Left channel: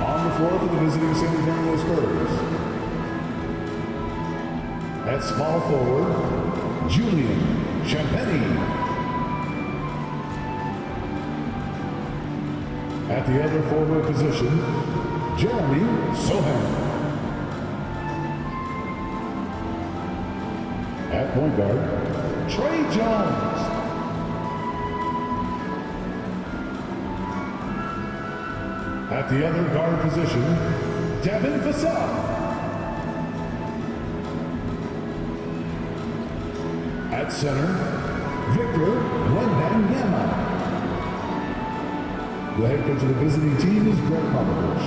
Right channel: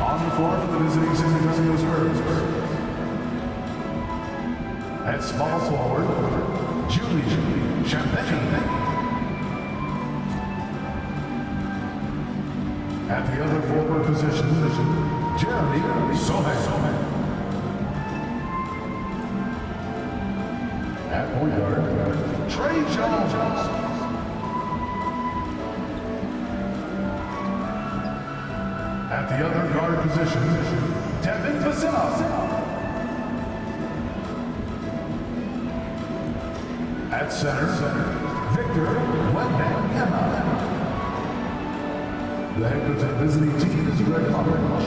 On the floor for the visiting San Antonio Spurs. At small forward, Julian Champagnie. At the other forward position, Jeremy Sohan. At point guard, Trey Jones. At the other guard position, Devin Vassell. At center, Victor Wembanyama. The head coach of the visiting team is Greg Popovich.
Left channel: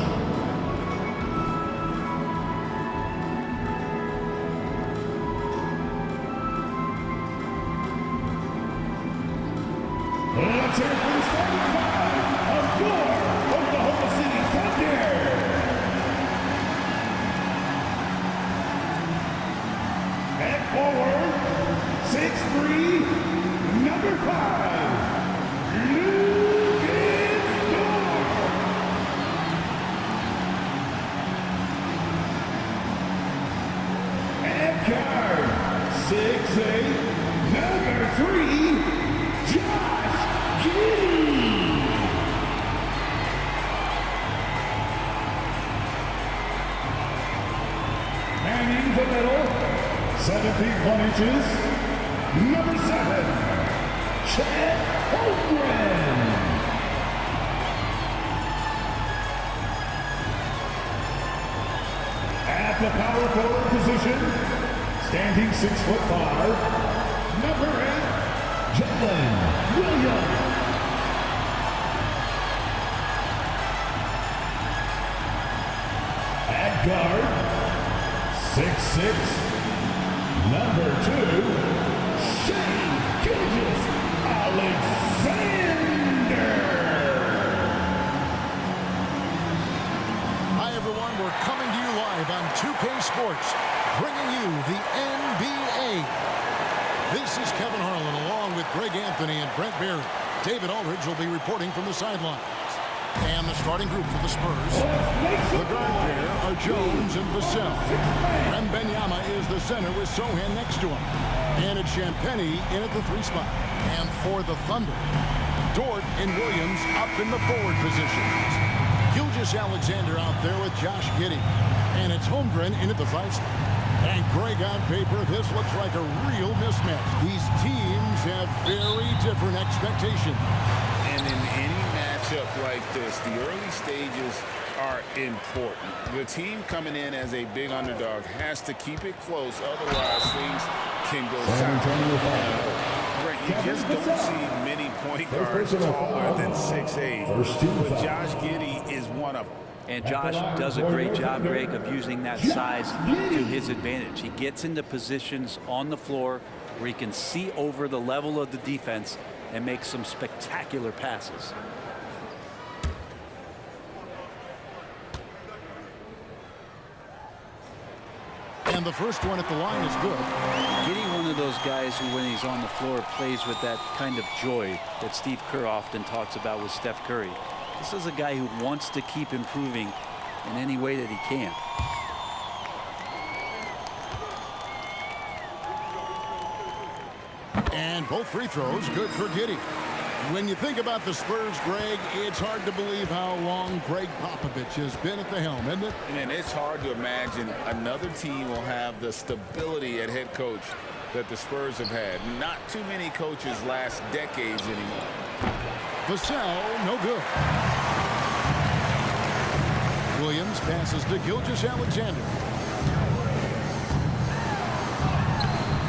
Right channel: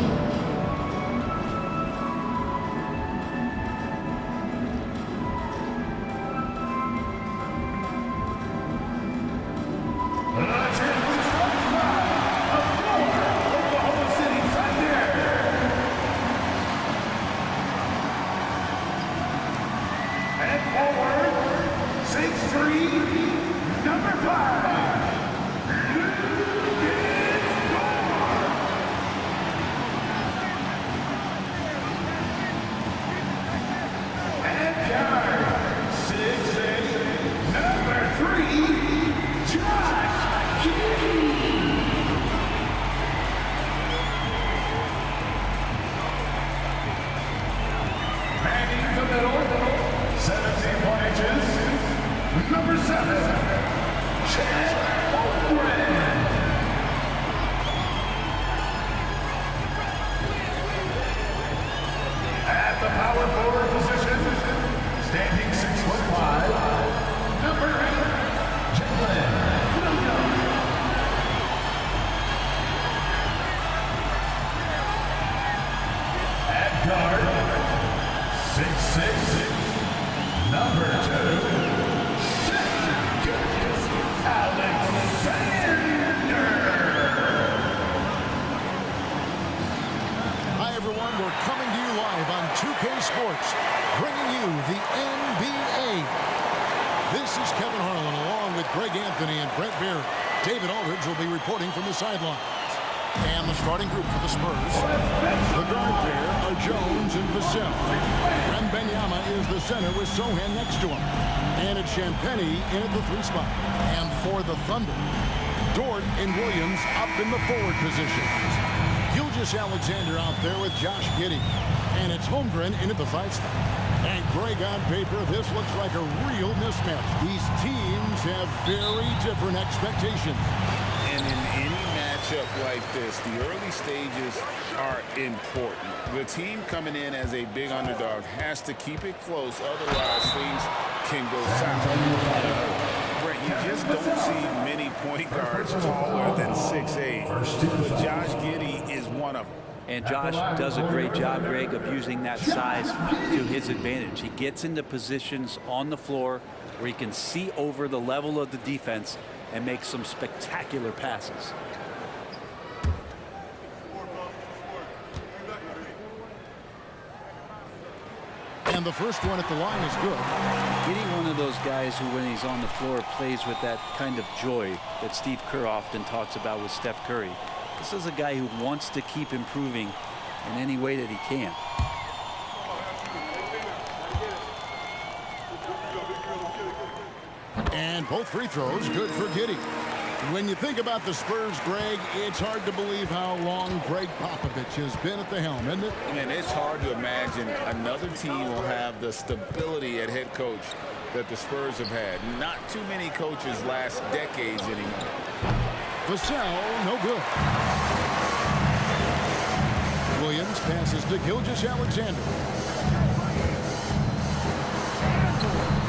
Let's hear it for the starting five of your Oklahoma City Thunder. At forward, 6'3", number 5, Lucas Gore. At guard, 6'8", number 3, Josh Giddey. Manning the middle, 17 inches, number 7, Chet Holmgren. At the power forward position, standing 6'5", number 8, Jalen Williams. At guard, 6'6", number 2, Shai Gilgeous-Alexander. Hi everyone, we're coming to you live on 2K Sports, bringing you the NBA. This is Kevin Harlan along with Greg Anthony and Brent Barry. David Aldridge will be reporting from the sidelines. And the starting group for the Spurs. The guard pair are Jones and Vassell. Wembanyama is the center with Sohan next to him. And it's Champagnie in at the 3 spot. And for the Thunder, Dort and Williams up in the forward positions. Gilgeous-Alexander out there with Josh Giddey. And it's Holmgren in at the 5 spot. And Greg, on paper, this looks like a real mismatch. These teams have very different expectations. And in any matchup like this, the early stages are important. The team coming in as a big underdog has to keep it close, otherwise things can go south. Brent, you just don't see many point guards taller than 6'8", but Josh Giddey is one of them. And Josh does a great job, Greg, of using that size to his advantage. He gets into positions on the floor where he can see over the level of the defense and make some spectacular passes. And the first one at the line is good. Giddey, one of those guys who, when he's on the floor, plays with that kind of joy that Steve Kerr often talks about with Steph Curry. This is a guy who wants to keep improving in any way that he can. And both free throws good for Giddey. When you think about the Spurs, Greg, it's hard to believe how long Greg Popovich has been at the helm, isn't it? And it's hard to imagine another team will have the stability at head coach that the Spurs have had. Not too many coaches last decades anymore. Vassell, no good. Williams passes to Gilgeous-Alexander.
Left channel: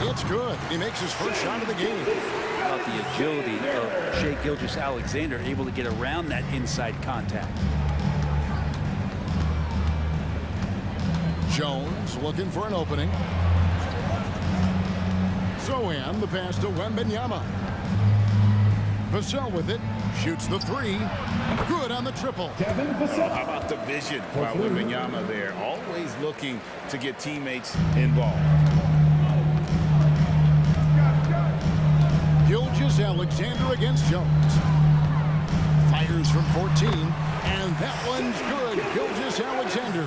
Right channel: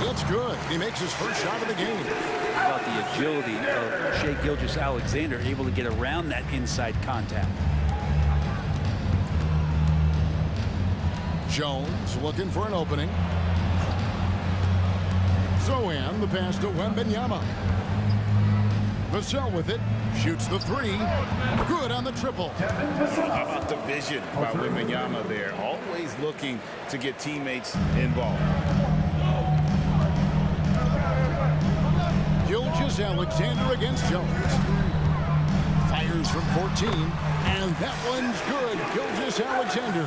It's good. He makes his first shot of the game. How about the agility of Shai Gilgeous-Alexander, able to get around that inside contact. Jones looking for an opening. Sohan, the pass to Wembanyama. Vassell with it. Shoots the 3. Good on the triple. How about the vision by Wembanyama there? Always looking to get teammates involved. Gilgeous-Alexander against Jones. Fires from 14. And that one's good. Gilgeous-Alexander.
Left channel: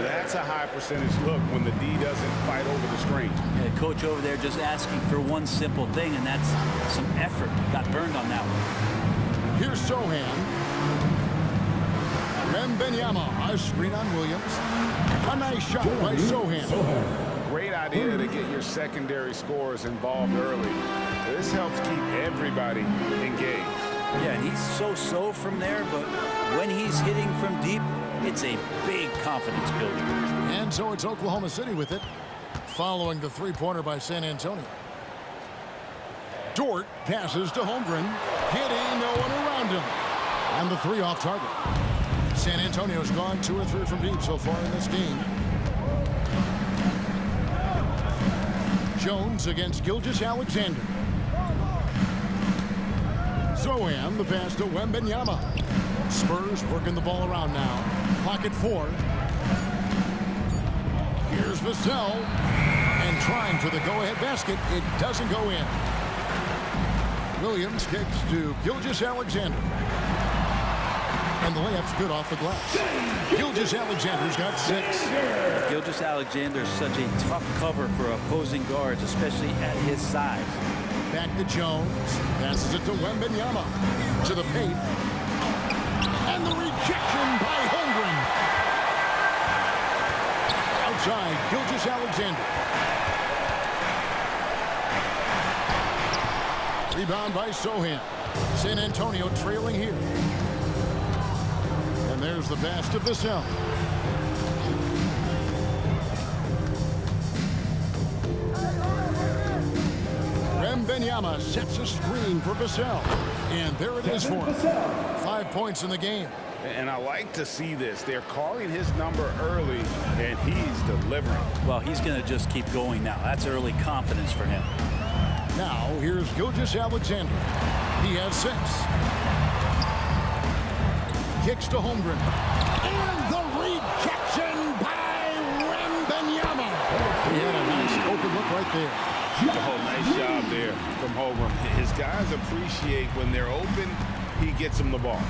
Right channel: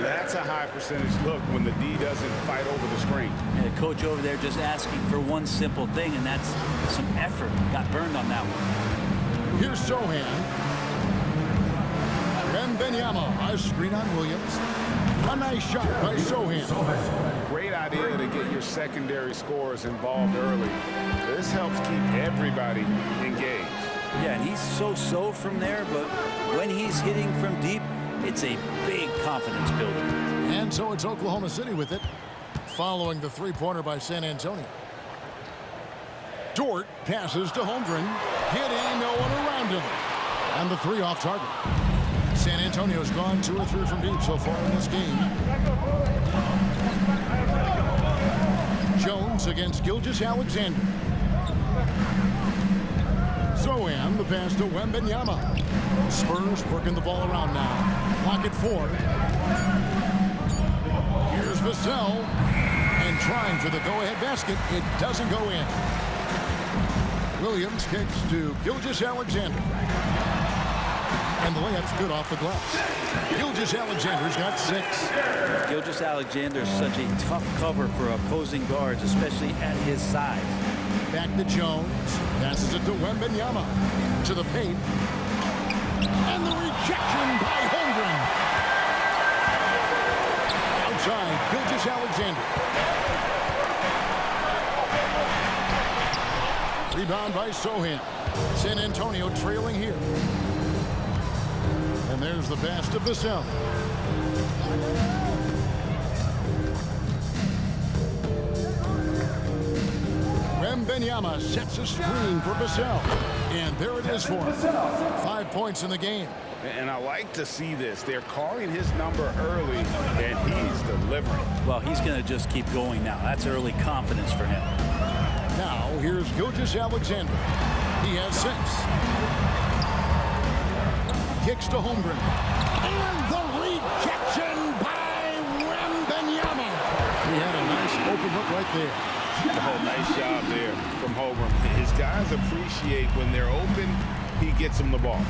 That's a high percentage look when the D doesn't fight over the screen. And the coach over there just asking for one simple thing, and that's some effort. Got burned on that one. Here's Sohan. Wembanyama, a screen on Williams. A nice shot by Sohan. Great idea to get your secondary scorers involved early. This helps keep everybody engaged. Yeah, and he's so-so from there, but when he's hitting from deep, it's a big confidence builder. And so it's Oklahoma City with it, following the three-pointer by San Antonio. Dort passes to Holmgren. Hitting, no one around him. And the three off target. San Antonio's gone 2 or 3 from deep so far in this game. Jones against Gilgeous-Alexander. Sohan, the pass to Wembanyama. Spurs working the ball around now. Clock at 4. Here's Vassell. And trying for the go-ahead basket. It doesn't go in. Williams kicks to Gilgeous-Alexander. And the layup's good off the glass. Gilgeous-Alexander's got 6. Gilgeous-Alexander is such a tough cover for opposing guards, especially at his size. Back to Jones. Passes it to Wembanyama. To the paint. And the rejection by Holmgren. Outside, Gilgeous-Alexander. Rebound by Sohan. San Antonio trailing here. And there's the pass to Vassell. Wembanyama sets a screen for Vassell. And there it is for him. 5 points in the game. And I like to see this. They're calling his number early, and he's delivering. Well, he's going to just keep going now. That's early confidence for him. Now, here's Gilgeous-Alexander. He has 6. Kicks to Holmgren. And the rejection by Wembanyama. He had a nice open look right there. Oh, nice job there from Holmgren. His guys appreciate when they're open, he gets them the ball.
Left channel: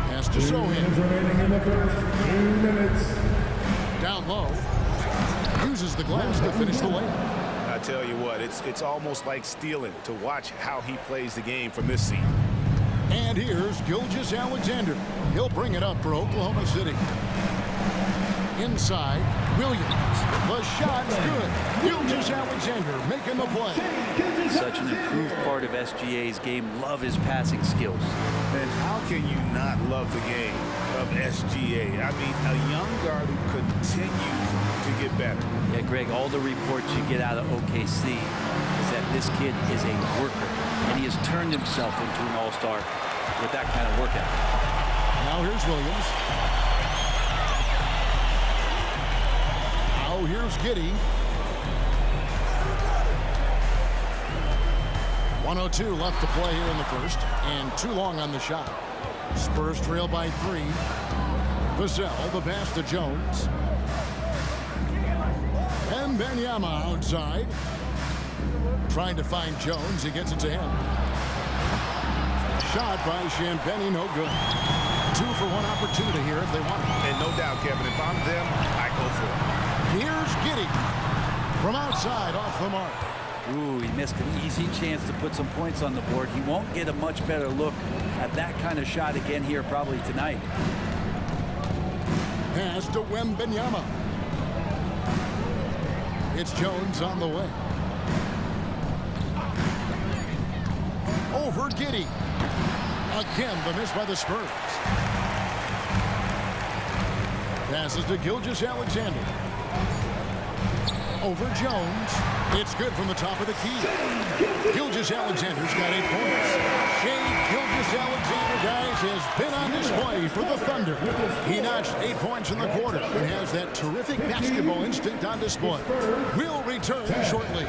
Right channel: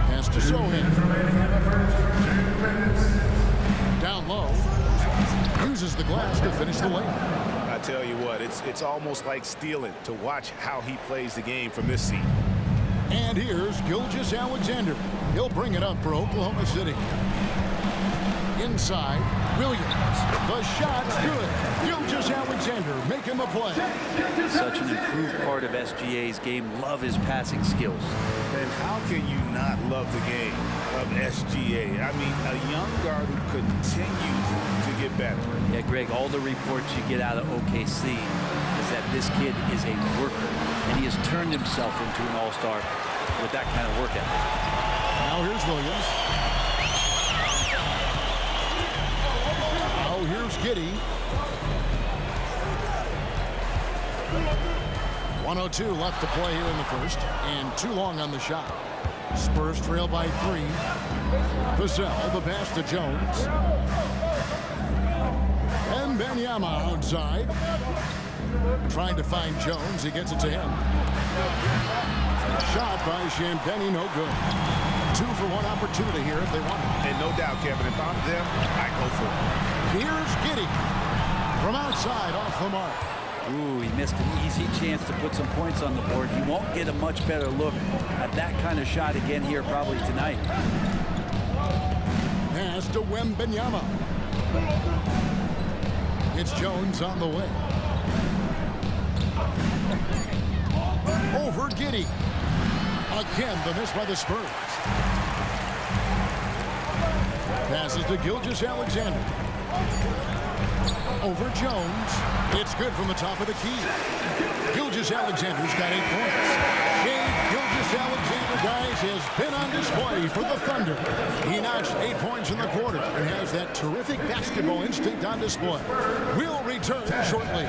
Pass to Sohan. Remaining in the first 2 minutes. Down low. Uses the glass to finish the layup. I tell you what, it's almost like stealing to watch how he plays the game from this seat. And here's Gilgeous-Alexander. He'll bring it up for Oklahoma City. Inside, Williams. The shot's good. Gilgeous-Alexander making the play. Such an improved part of SGA's game. Love his passing skills. And how can you not love the game of SGA? I mean, a young guard who continues to get better. Yeah, Greg, all the reports you get out of OKC is that this kid is a worker, and he has turned himself into an all-star with that kind of work ethic. Now here's Williams. Now here's Giddey. 1:02 left to play here in the first, and too long on the shot. Spurs trail by 3. Vassell, the pass to Jones. Wembanyama outside. Trying to find Jones. He gets it to him. Shot by Champagnie, no good. 2 for 1 opportunity here if they want it. And no doubt, Kevin, if I'm them, I go for it. Here's Giddey. From outside, off the mark. Ooh, he missed an easy chance to put some points on the board. He won't get a much better look at that kind of shot again here probably tonight. Pass to Wembanyama. It's Jones on the way. Over Giddey. Again, the miss by the Spurs. Passes to Gilgeous-Alexander. Over Jones. It's good from the top of the key. Gilgeous-Alexander's got 8 points. Shai Gilgeous-Alexander, guys, has been on display for the Thunder. He notched 8 points in the quarter and has that terrific basketball instinct on display. We'll return shortly.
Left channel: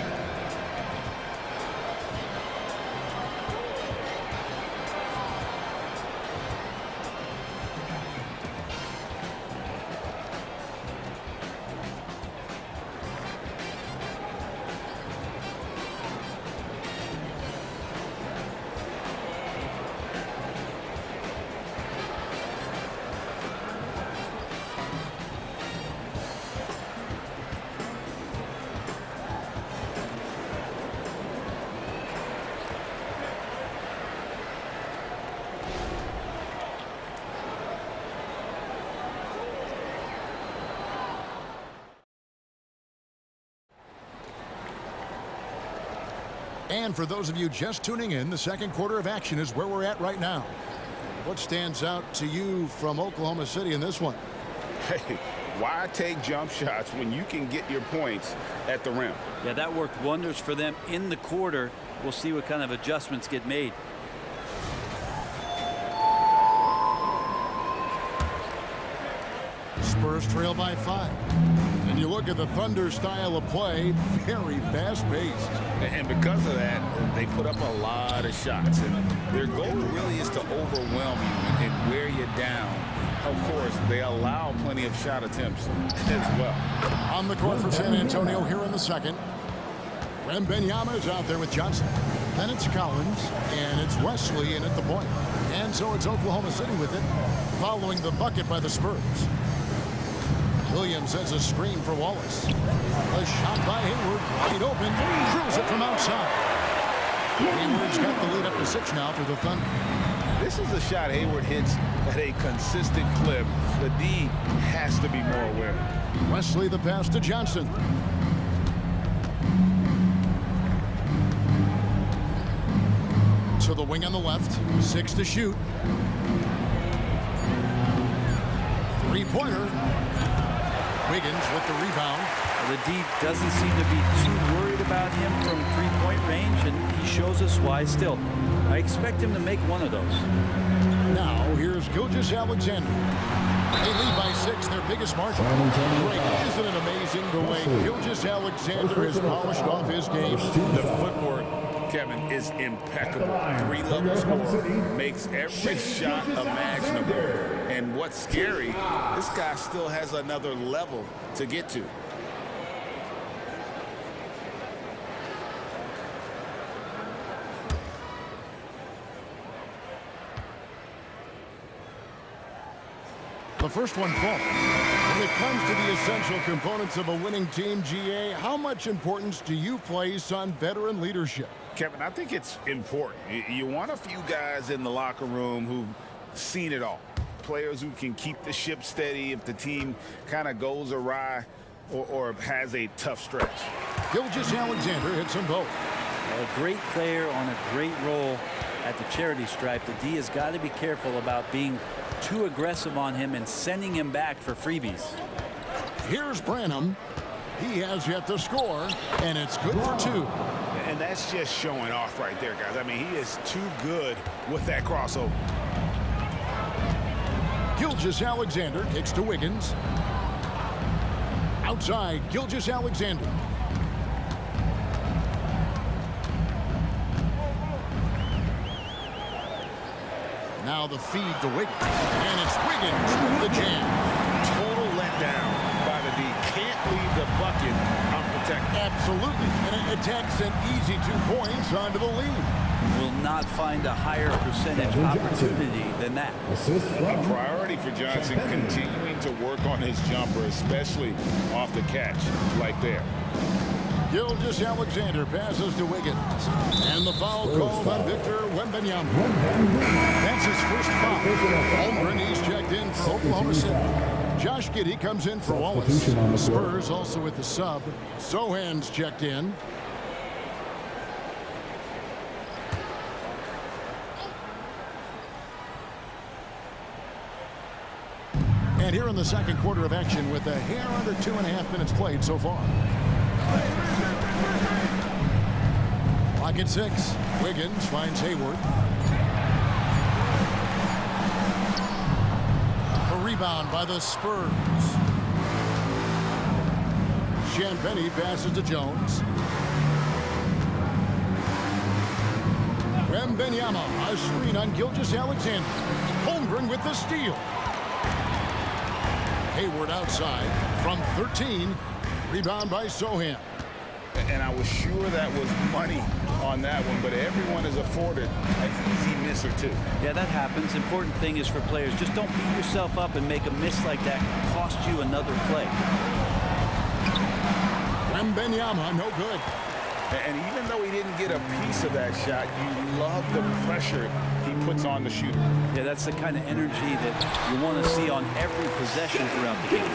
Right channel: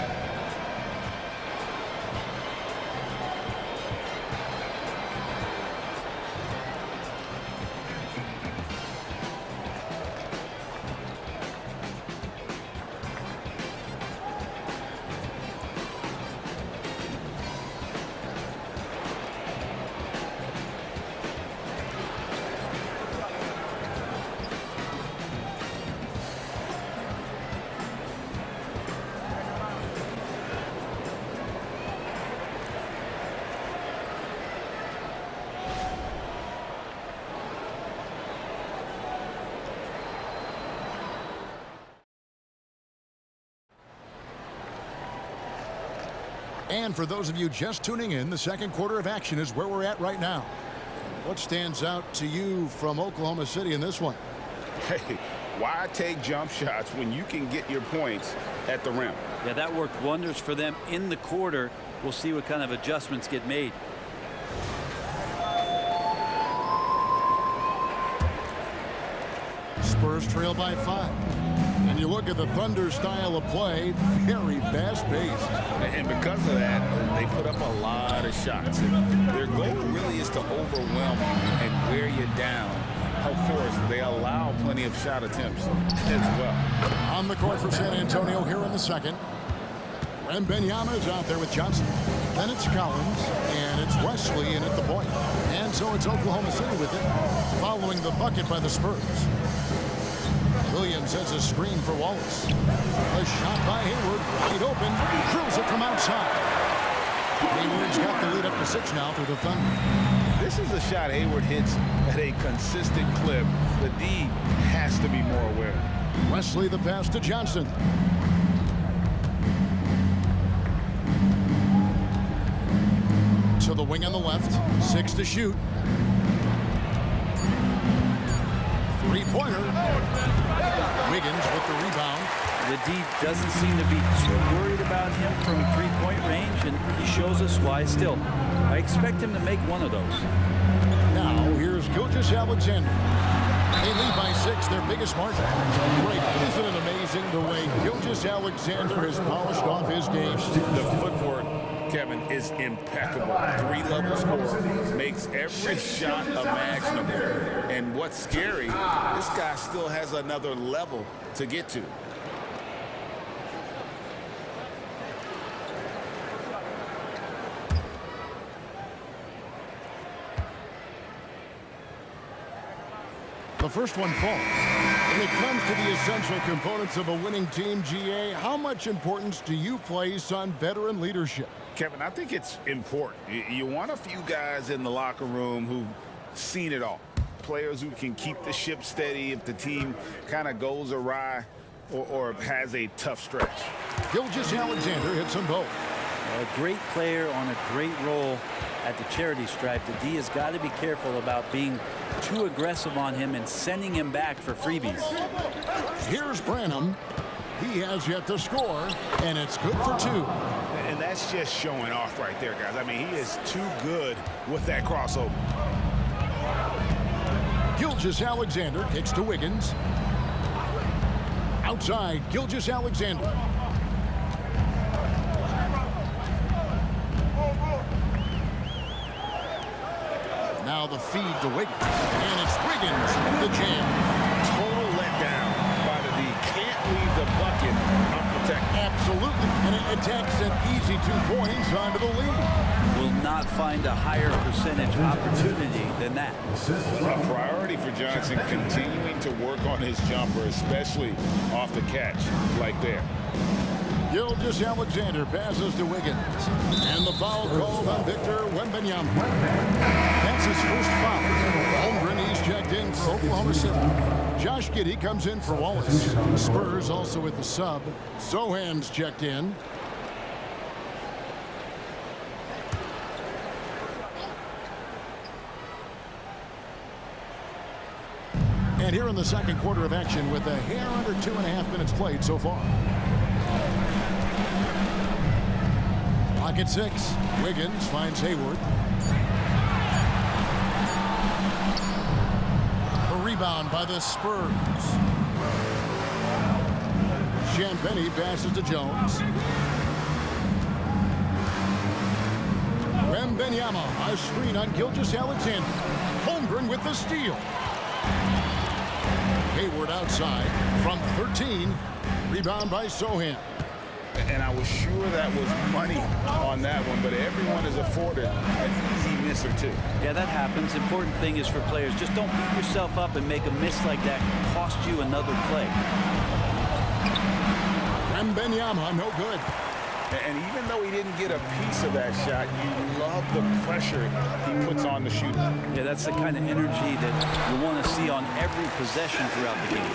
And for those of you just tuning in, the second quarter of action is where we're at right now. What stands out to you from Oklahoma City in this one? Hey, why take jump shots when you can get your points at the rim? Yeah, that worked wonders for them in the quarter. We'll see what kind of adjustments get made. Spurs trail by 5. And you look at the Thunder style of play, very fast-paced. And because of that, they put up a lot of shots. And their goal really is to overwhelm you and wear you down. Of course, they allow plenty of shot attempts as well. On the court for San Antonio here in the second. Wembanyama is out there with Johnson. Then it's Collins, and it's Wesley in at the point. And so it's Oklahoma City with it, following the bucket by the Spurs. Williams has a screen for Wallace. A shot by Hayward, wide open, drills it from outside. Hayward's got the lead up to 6 now for the Thunder. This is a shot Hayward hits at a consistent clip. The D has to be more aware. Wesley the pass to Johnson. To the wing on the left, 6 to shoot. Three-pointer. Wiggins with the rebound. The D doesn't seem to be too worried about him from three-point range, and he shows us why still. I expect him to make one of those. Now, here's Gilgeous-Alexander. They lead by 6, their biggest margin. Great. Isn't it amazing the way Gilgeous-Alexander has polished off his game? The footwork, Kevin, is impeccable. 3-level scorer, makes every shot imaginable. And what's scary, this guy still has another level to get to. The first one falls. When it comes to the essential components of a winning team, GA, how much importance do you place on veteran leadership? Kevin, I think it's important. You want a few guys in the locker room who've seen it all. Players who can keep the ship steady if the team kind of goes awry or has a tough stretch. Gilgeous-Alexander hits them both. Well, a great player on a great role at the charity stripe. The D has got to be careful about being too aggressive on him and sending him back for freebies. Here's Branham. He has yet to score, and it's good for 2. And that's just showing off right there, guys. I mean, he is too good with that crossover. Gilgeous-Alexander kicks to Wiggins. Outside, Gilgeous-Alexander. Now the feed to Wiggins. And it's Wiggins with the jam. Total letdown by the D. Can't leave the bucket unprotected. Absolutely. And it attacks an easy 2 points onto the lead. Will not find a higher percentage opportunity than that. A priority for Johnson, continuing to work on his jumper, especially off the catch like there. Gilgeous-Alexander passes to Wiggins. And the foul called on Victor Wembanyama. That's his first foul. Holmgren, he's checked in for Oklahoma City. Josh Giddey comes in for Wallace. The Spurs also with the sub. Sohan's checked in. And here in the second quarter of action with a hair under 2.5 minutes played so far. Clock at 6. Wiggins finds Hayward. The rebound by the Spurs. Champagnie passes to Jones. Wembanyama, a screen on Gilgeous-Alexander. Holmgren with the steal. Hayward outside from 13. Rebound by Sohan. And I was sure that was money on that one, but everyone is afforded an easy miss or two. Yeah, that happens. Important thing is for players, just don't beat yourself up and make a miss like that cost you another play. Wembanyama, no good. And even though he didn't get a piece of that shot, you love the pressure he puts on the shooter. Yeah, that's the kind of energy that you want to see on every possession throughout the game.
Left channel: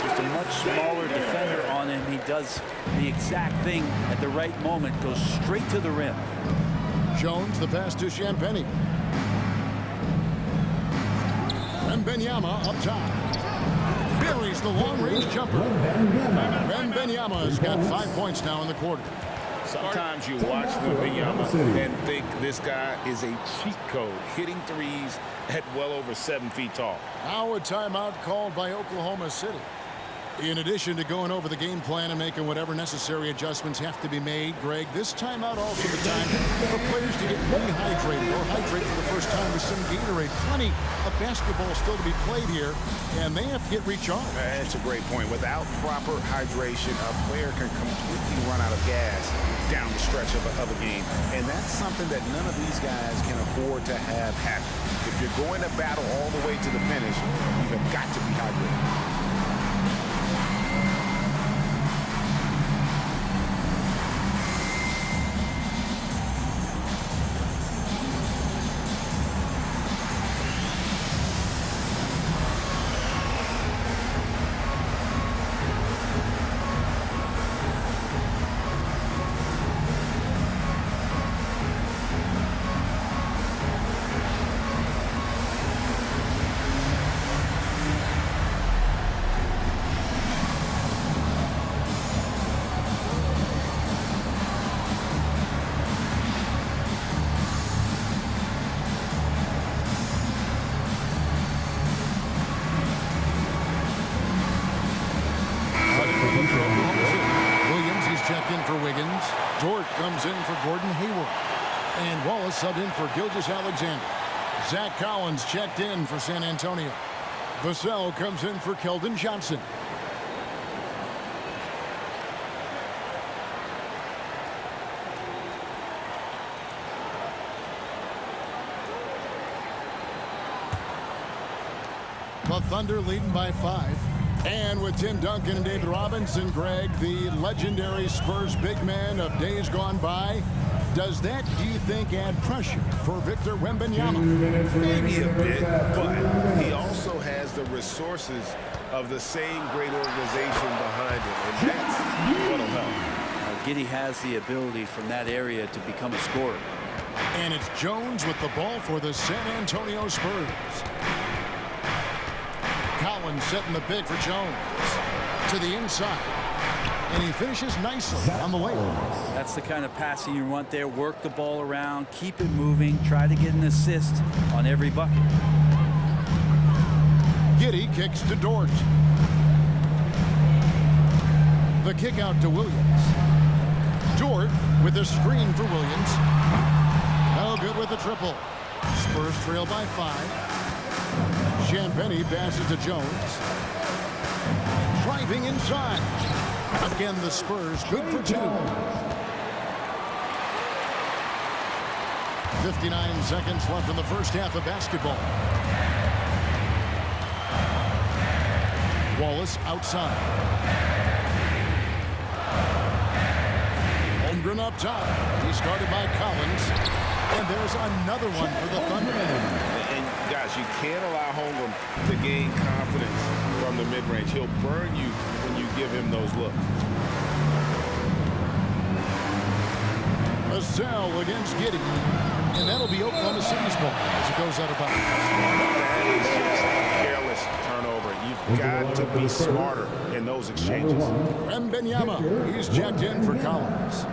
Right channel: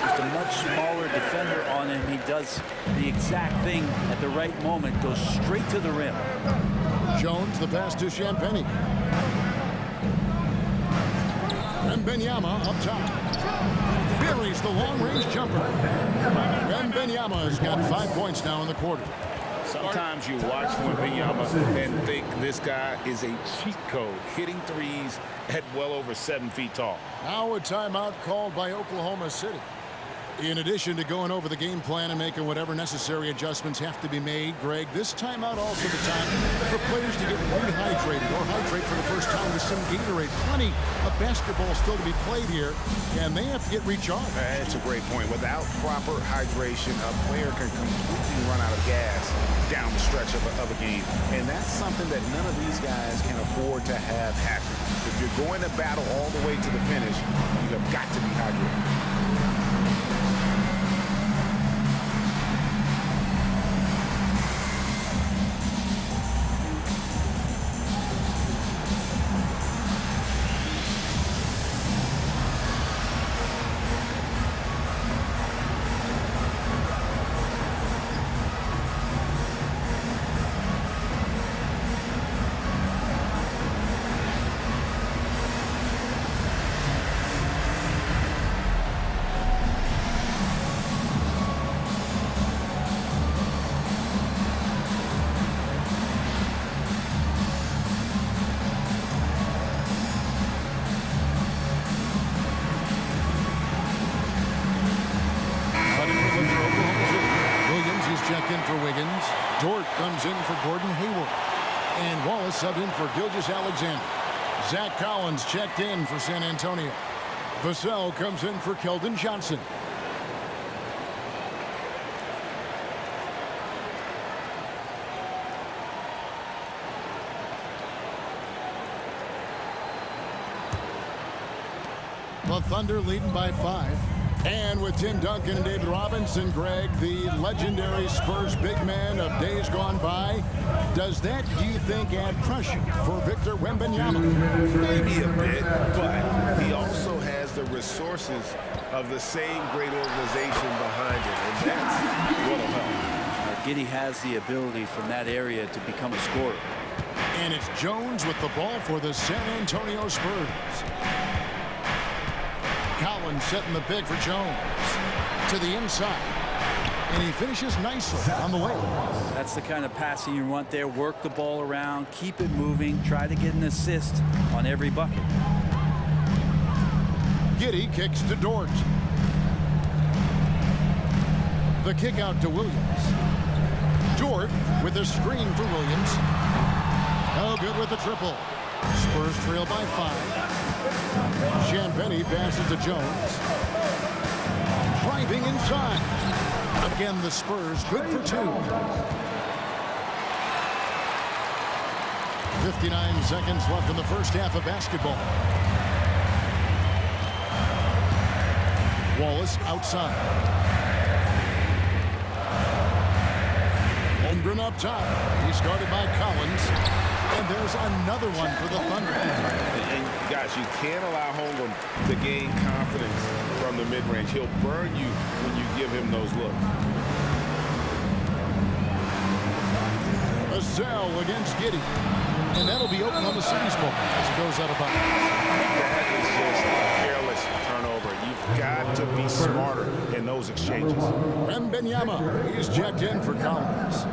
Just a much smaller defender on him. He does the exact thing at the right moment, goes straight to the rim. Jones, the pass to Champagny. Wembanyama up top. Buries the long-range jumper. Wembanyama has got 5 points now in the quarter. Sometimes you watch Wembanyama and think this guy is a cheat code, hitting threes at well over 7 feet tall. Now a timeout called by Oklahoma City. In addition to going over the game plan and making whatever necessary adjustments have to be made, Greg, this timeout also the time for players to get rehydrated or hydrate for the first time with some Gatorade. Plenty of basketball still to be played here, and they have to get recharged. That's a great point. Without proper hydration, a player can completely run out of gas down the stretch of a game. And that's something that none of these guys can afford to have happen. If you're going to battle all the way to the finish, you have got to be hydrated. Checked in for Wiggins. Dort comes in for Gordon Hayward. And Wallace subbed in for Gilgeous-Alexander. Zach Collins checked in for San Antonio. Vassell comes in for Keldon Johnson. The Thunder leading by 5. And with Tim Duncan and David Robinson, Greg, the legendary Spurs big man of days gone by, does that, do you think, add pressure for Victor Wembanyama? Maybe a bit, but he also has the resources of the same great organization behind him, and that's what'll help. Giddey has the ability from that area to become a scorer. And it's Jones with the ball for the San Antonio Spurs. Collins setting the big for Jones. To the inside. And he finishes nicely on the way. That's the kind of passing you want there. Work the ball around, keep it moving, try to get an assist on every bucket. Giddey kicks to Dort. The kick out to Williams. Dort with a screen for Williams. No good with the triple. Spurs trail by 5. Champagny passes to Jones. Driving inside. Again, the Spurs good for 2. 59 seconds left in the first half of basketball. Wallace outside. Holmgren up top. He's guarded by Collins. And there's another one for the Thunder. And guys, you can't allow Holmgren to gain confidence from the mid-range. He'll burn you when you give him those looks. Vassell against Giddey. And that'll be Oklahoma City's ball as it goes out of bounds. That is just a careless turnover. You've got to be smarter in those exchanges. Wembanyama, he's checked in for Collins.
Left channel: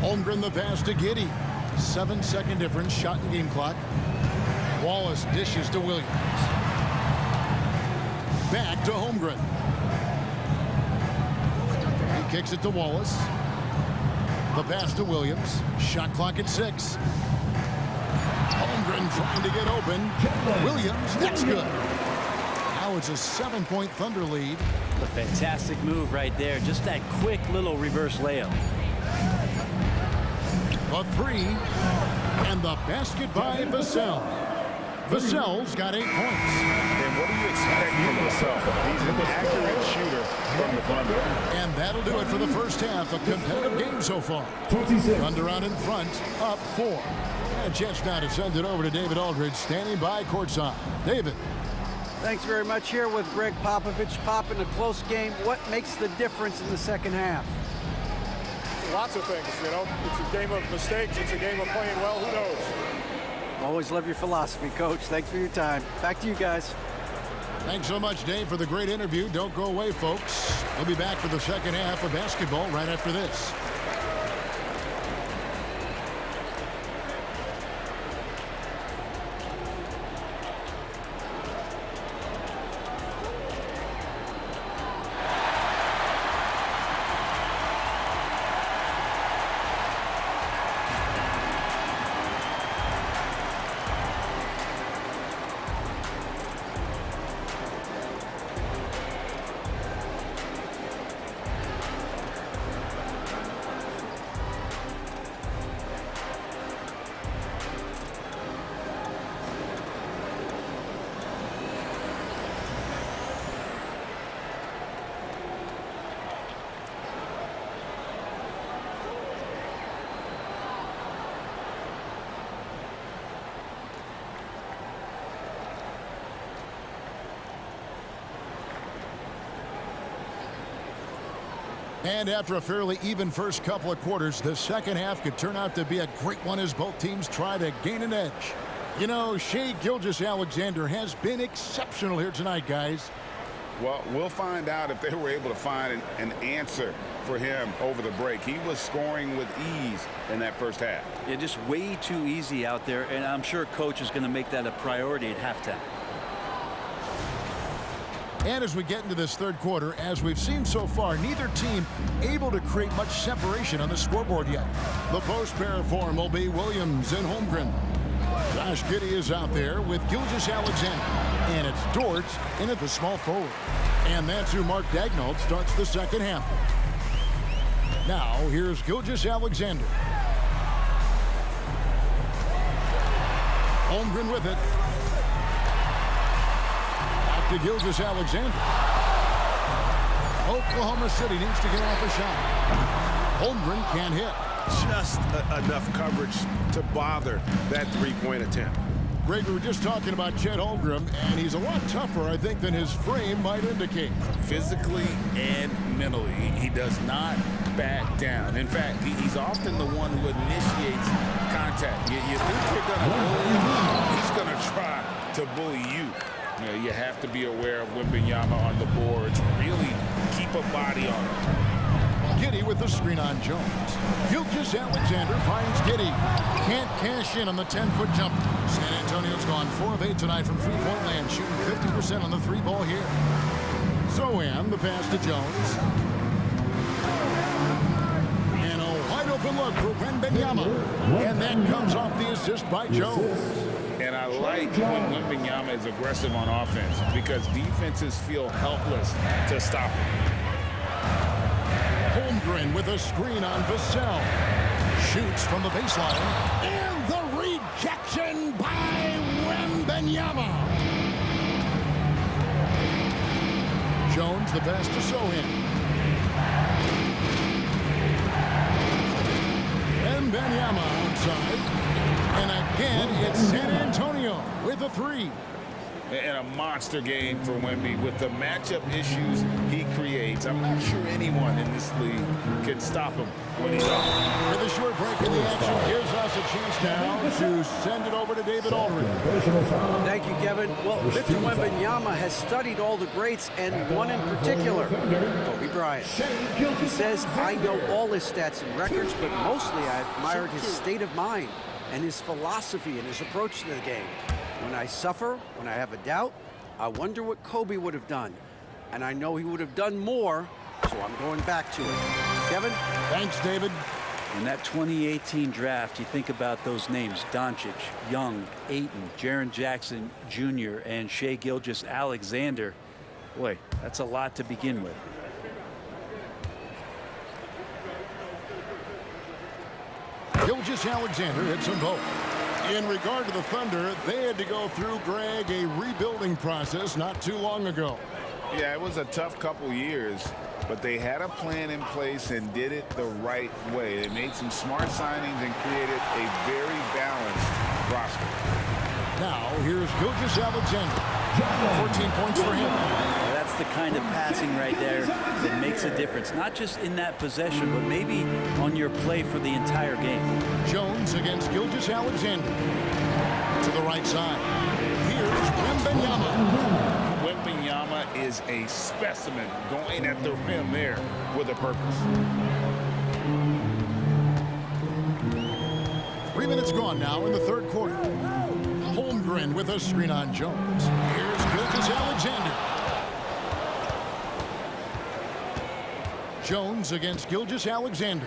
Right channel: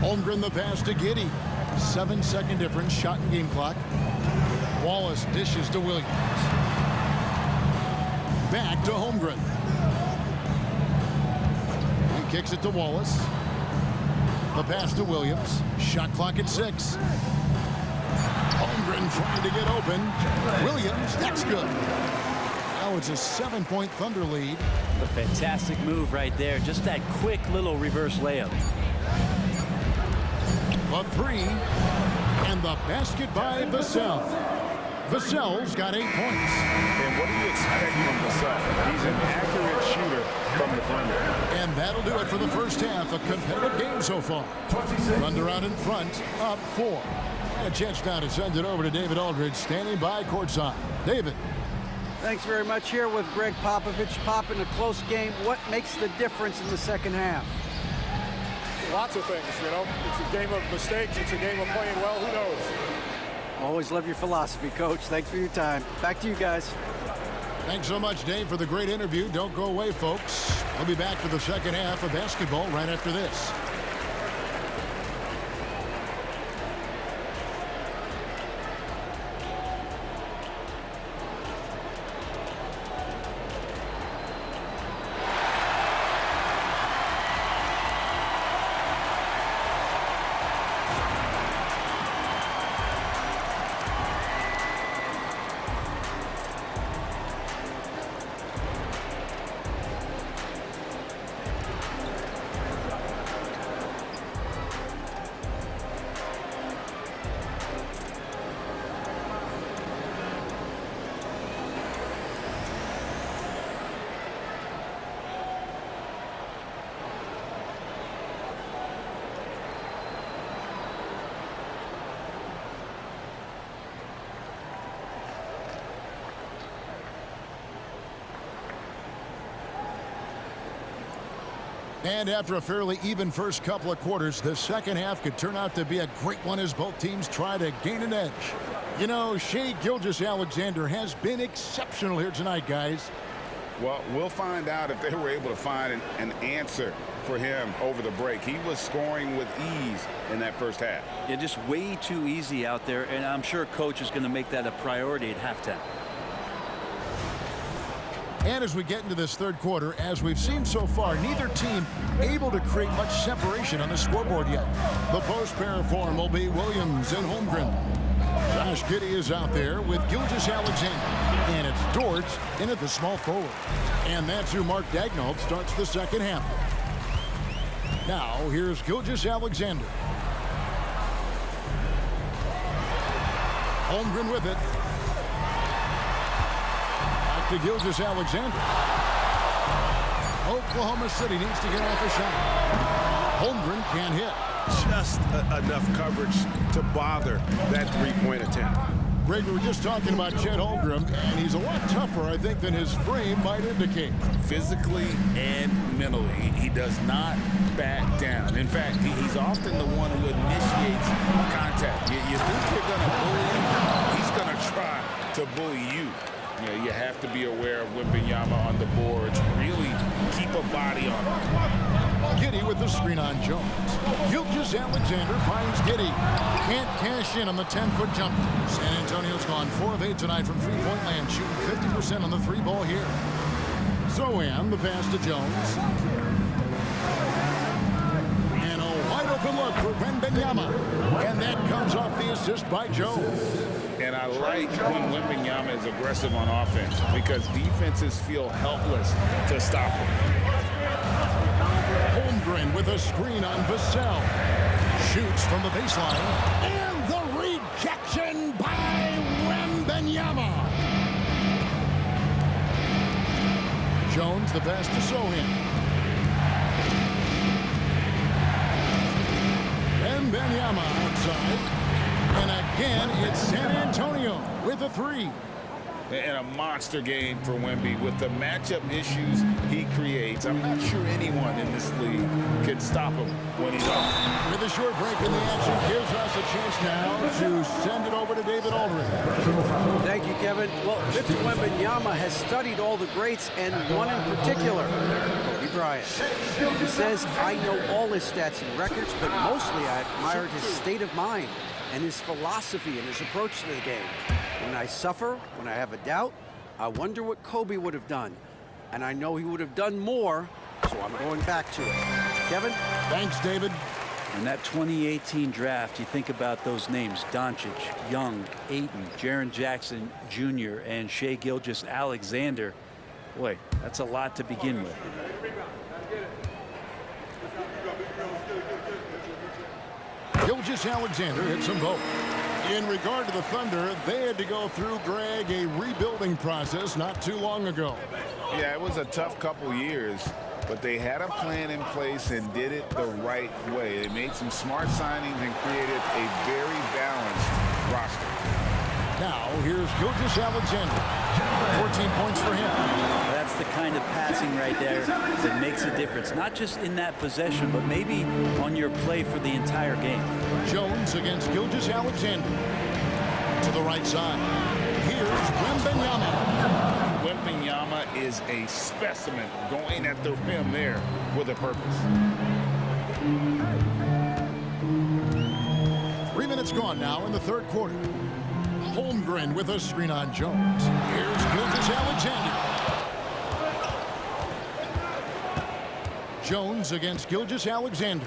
Holmgren the pass to Giddey. 7-second difference, shot and game clock. Wallace dishes to Williams. Back to Holmgren. He kicks it to Wallace. The pass to Williams. Shot clock at 6. Holmgren trying to get open. Williams, that's good. Now it's a 7-point Thunder lead. A fantastic move right there. Just that quick little reverse layup. The three. And the basket by Vassell. Vassell's got 8 points. And what do you expect from Vassell? He's an accurate shooter from the perimeter. And that'll do it for the first half. A competitive game so far. 26. Thunder out in front, up 4. And a chance now to send it over to David Aldridge, standing by courtside. David. Thanks very much. Here with Greg Popovich. Pop, in a close game, what makes the difference in the second half? Lots of things, you know. It's a game of mistakes. It's a game of playing well. Who knows? Always love your philosophy, Coach. Thanks for your time. Back to you guys. Thanks so much, Dave, for the great interview. Don't go away, folks. We'll be back for the second half of basketball right after this. And after a fairly even first couple of quarters, the second half could turn out to be a great one as both teams try to gain an edge. You know, Shai Gilgeous-Alexander has been exceptional here tonight, guys. Well, we'll find out if they were able to find an answer for him over the break. He was scoring with ease in that first half. Yeah, just way too easy out there, and I'm sure Coach is going to make that a priority at halftime. And as we get into this third quarter, as we've seen so far, neither team able to create much separation on the scoreboard yet. The post pair form will be Williams and Holmgren. Josh Giddey is out there with Gilgeous-Alexander. And it's Dort in at the small forward. And that's who Mark Daigneault starts the second half. Now, here's Gilgeous-Alexander. Holmgren with it. Back to Gilgeous-Alexander. Oklahoma City needs to get off a shot. Holmgren can't hit. Just enough coverage to bother that three-point attempt. Greg, we were just talking about Chet Holmgren, and he's a lot tougher, I think, than his frame might indicate. Physically and mentally, he does not back down. In fact, he's often the one who initiates contact. You think you're going to bully him, he's going to try to bully you. You know, you have to be aware of Wembanyama on the boards. Really keep a body on him. Giddey with the screen on Jones. Gilgeous-Alexander finds Giddey. Can't cash in on the 10-foot jumper. San Antonio's gone 4 of 8 tonight from three-point land, shooting 50% on the three ball here. Zohan, the pass to Jones. And a wide open look for Wembanyama. And that comes off the assist by Jones. And I like when Wembanyama is aggressive on offense because defenses feel helpless to stop him. Holmgren with a screen on Vassell. Shoots from the baseline. And the rejection by Wembanyama. Jones the pass to Zohan. Wembanyama outside. And again, it's San Antonio with a three. And a monster game for Wemby with the matchup issues he creates. I'm not sure anyone in this league can stop him when he's on. With a short break in the action, gives us a chance now to send it over to David Aldridge. Thank you, Kevin. Well, Victor Wembanyama has studied all the greats and one in particular, Kobe Bryant. He says, I know all his stats and records, but mostly I admired his state of mind and his philosophy and his approach to the game. When I suffer, when I have a doubt, I wonder what Kobe would have done. And I know he would have done more, so I'm going back to it. Kevin? Thanks, David. In that 2018 draft, you think about those names: Doncic, Young, Ayton, Jaren Jackson Jr., and Shai Gilgeous-Alexander. Boy, that's a lot to begin with. Gilgeous-Alexander hits them both. In regard to the Thunder, they had to go through, Greg, a rebuilding process not too long ago. Yeah, it was a tough couple years, but they had a plan in place and did it the right way. They made some smart signings and created a very balanced roster. Now, here's Gilgeous-Alexander. 14 points for him. That's the kind of passing right there that makes a difference, not just in that possession, but maybe on your play for the entire game. Jones against Gilgeous-Alexander. To the right side. Here's Wembanyama. Wembanyama is a specimen going at the rim there with a purpose. 3 minutes gone now in the third quarter. Holmgren with a screen on Jones. Here's Gilgeous-Alexander. Jones against Gilgeous-Alexander.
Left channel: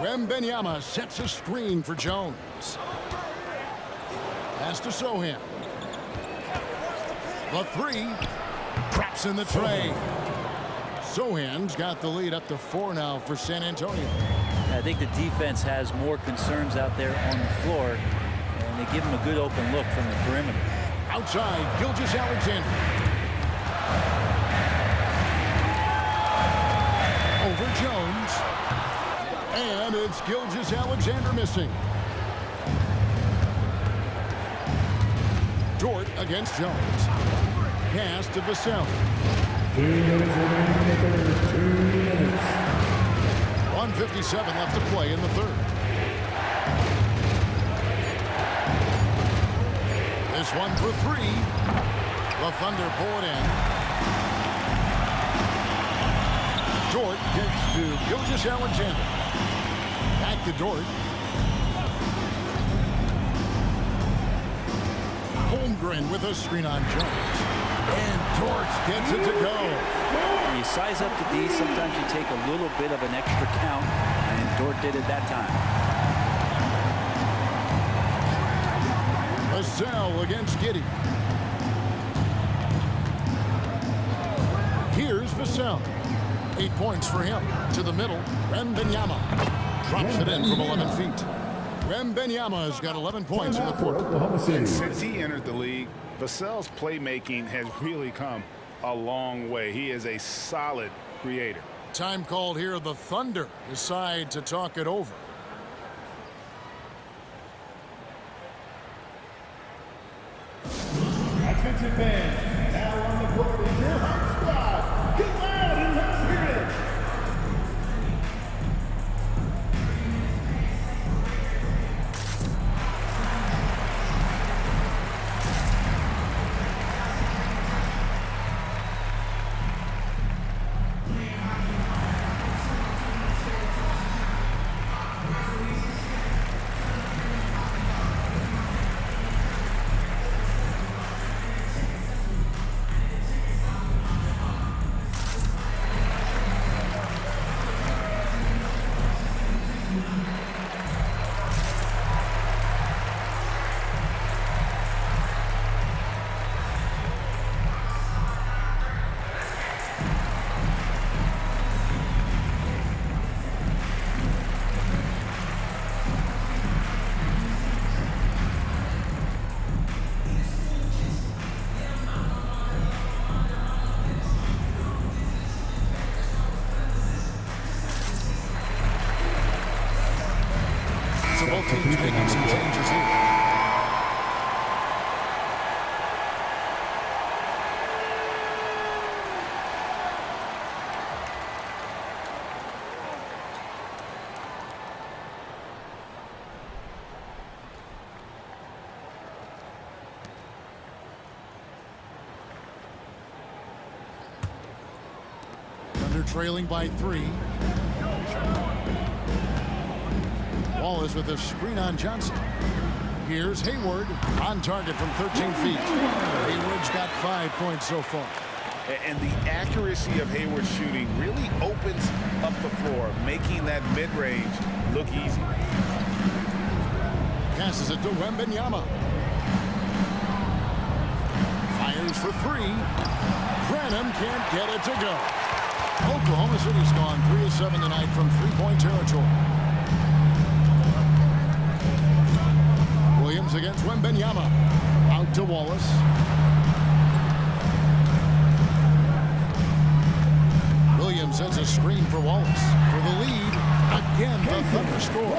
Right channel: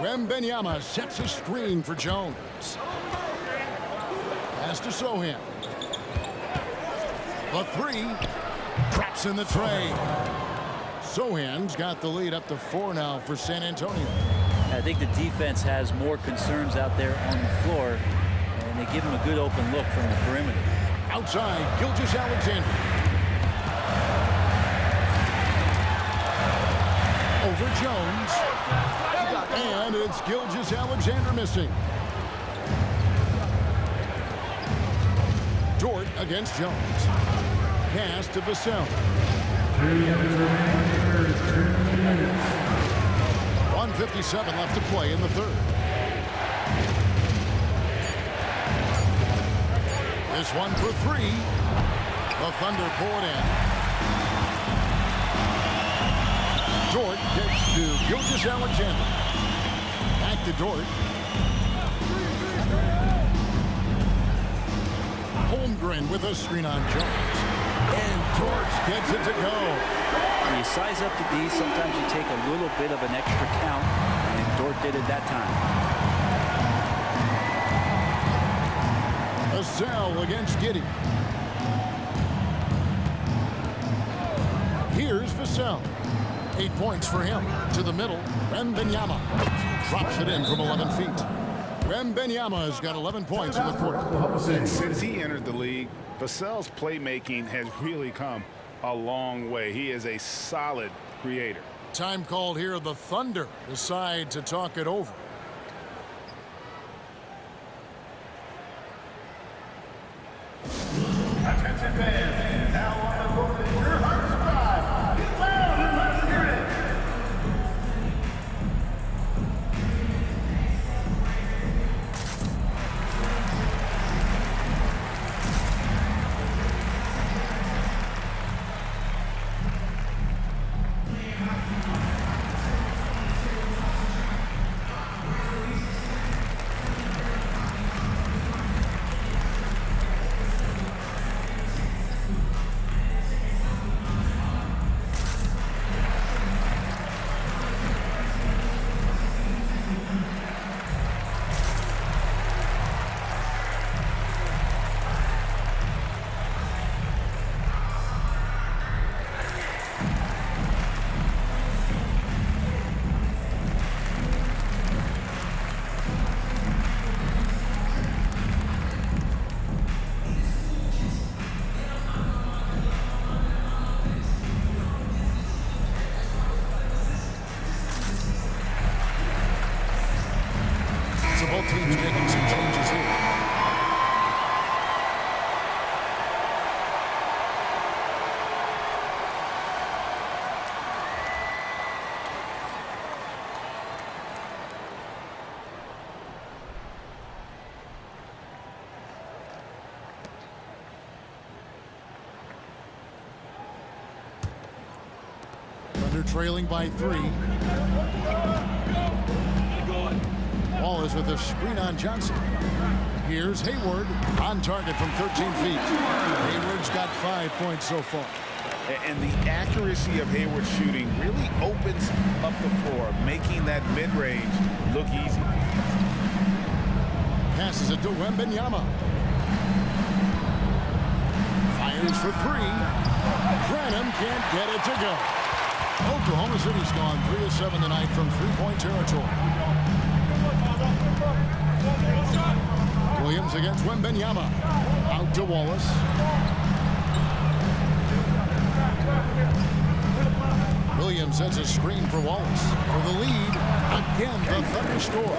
Wembanyama sets a screen for Jones. Pass to Sohan. The three. Traps in the tray. Sohan's got the lead up to 4 now for San Antonio. I think the defense has more concerns out there on the floor, and they give him a good open look from the perimeter. Outside, Gilgeous-Alexander. Over Jones. And it's Gilgeous-Alexander missing. Dort against Jones. Pass to Vassell. 2 minutes remaining in the third. 2 minutes. 1:57 left to play in the third. This one for 3. The Thunder pull it in. Dort gets to Gilgeous-Alexander. Back to Dort. Holmgren with a screen on Jones. And Dort gets it to go. When you size up the D, sometimes you take a little bit of an extra count, and Dort did it that time. Vassell against Giddey. Here's Vassell. 8 points for him. To the middle, Wembanyama drops it in from 11 feet. Wembanyama's got 11 points in the quarter. And since he entered the league, Vassell's playmaking has really come a long way. He is a solid creator. Time called here. The Thunder decide to talk it over. Attention fans, now on the court is your heart squad. Get loud and let them hear it. So both teams making some changes here. Thunder trailing by 3. Wallace with a screen on Johnson. Here's Hayward on target from 13 feet. Hayward's got 5 points so far. And the accuracy of Hayward's shooting really opens up the floor, making that mid-range look easy. Passes it to Wembanyama. Fires for 3. Branham can't get it to go. Oklahoma City's gone 3 of 7 tonight from three-point territory. Williams against Wembanyama. Out to Wallace. Williams sends a screen for Wallace. For the lead, again, the Thunder score.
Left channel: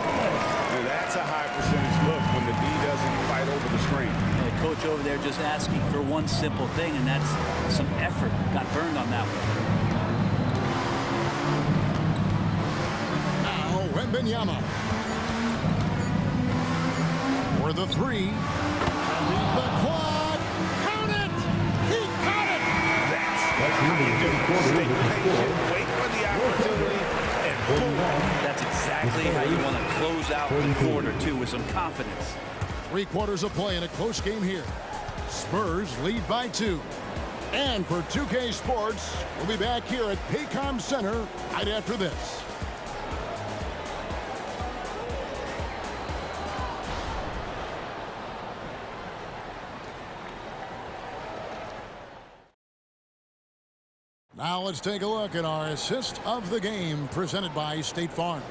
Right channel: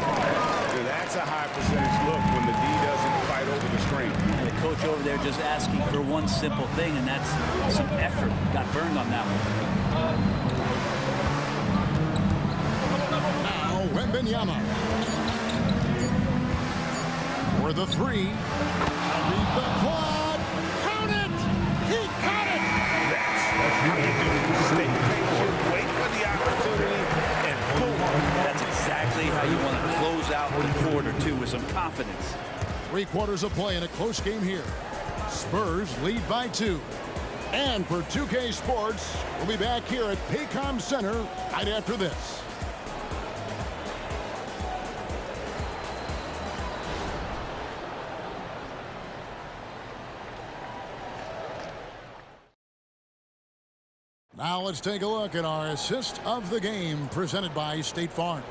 Yeah, that's a high percentage look when the D doesn't fight over the screen. And the coach over there just asking for one simple thing, and that's some effort. Got burned on that one. Now, Wembanyama. For the three. And beat the quad. Count it! He caught it! That's how you do. Stay patient, wait for the opportunity, and boom. That's exactly how you want to close out the quarter, too, with some confidence. 3 quarters of play in a close game here. Spurs lead by 2. And for 2K Sports, we'll be back here at Paycom Center right after this. Now let's take a look at our assist of the game presented by State Farm.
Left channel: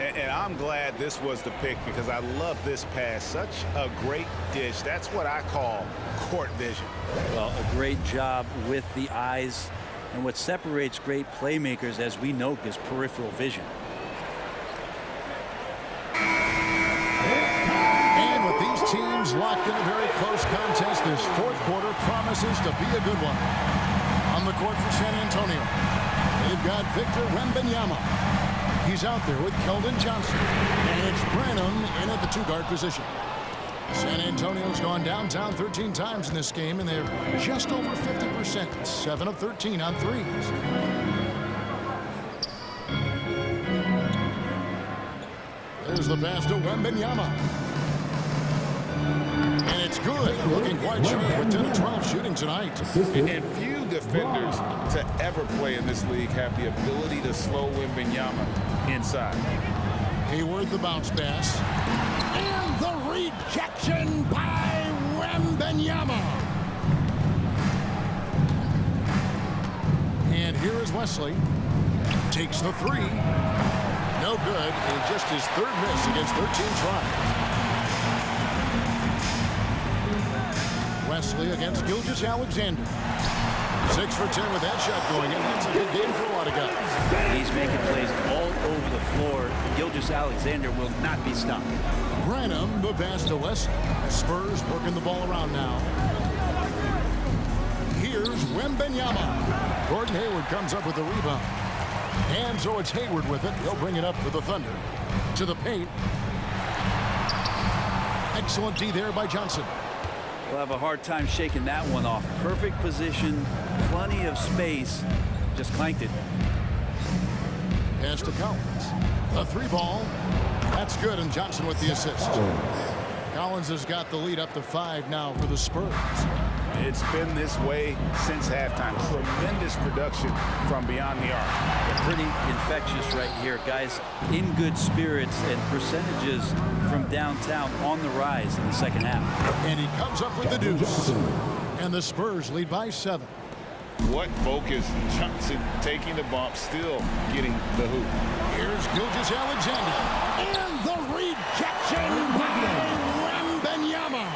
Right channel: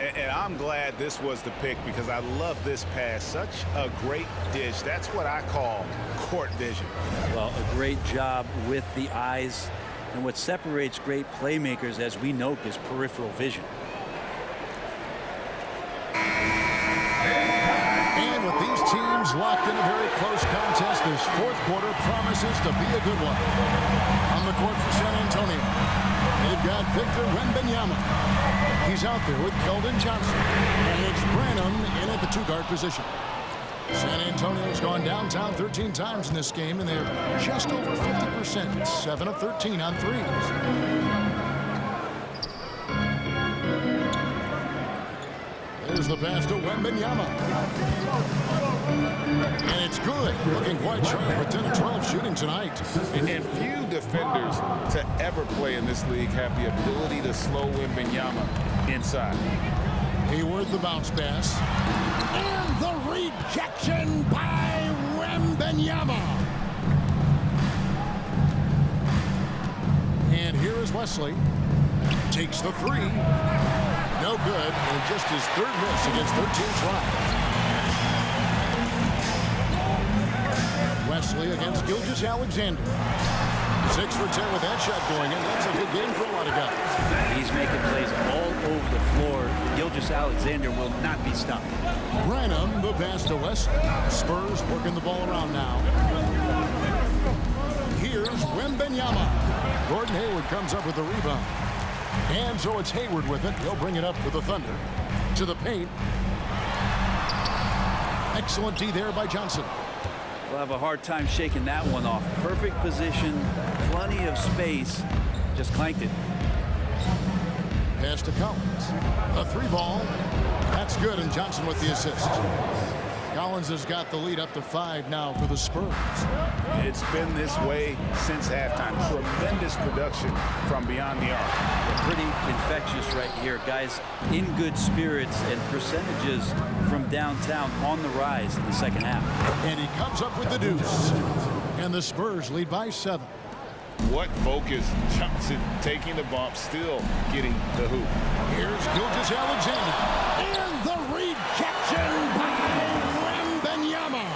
And I'm glad this was the pick because I love this pass. Such a great dish. That's what I call court vision. Well, a great job with the eyes. And what separates great playmakers, as we know, is peripheral vision. And with these teams locked in a very close contest, this fourth quarter promises to be a good one. On the court for San Antonio, they've got Victor Wembanyama. He's out there with Keldon Johnson. And it's Branham in at the 2-guard position. San Antonio's gone downtown 13 times in this game, and they're just over 50%, 7 of 13 on threes. There's the pass to Wembanyama. And it's good. Looking quite sharp with 10 of 12 shooting tonight. And few defenders to ever play in this league have the ability to slow Wembanyama inside. Hayward the bounce pass. And the rejection by Wembanyama. And here is Wesley. Takes the 3. No good. And just his 3rd miss against 13 tries. Wesley against Gilgeous-Alexander. 6 for 10 with that shot going in. That's a good game for a lot of guys. He's making plays all over the floor. Gilgeous-Alexander will not be stopped. Branham, the pass to Wesley. Spurs working the ball around now. Here's Wembanyama. Gordon Hayward comes up with the rebound. And so it's Hayward with it. He'll bring it up for the Thunder. To the paint. Excellent D there by Johnson. We'll have a hard time shaking that one off. Perfect position, plenty of space. Just clanked it. Pass to Collins. The 3 ball. That's good, and Johnson with the assist. Collins has got the lead up to 5 now for the Spurs. It's been this way since halftime. Tremendous production from beyond the arc. Yeah, pretty infectious right here. Guys in good spirits, and percentages from downtown on the rise in the second half. And he comes up with the deuce. And the Spurs lead by 7. What focus. Johnson taking the bump, still getting the hoop. Here's Gilgeous-Alexander. And the rejection by Wembanyama.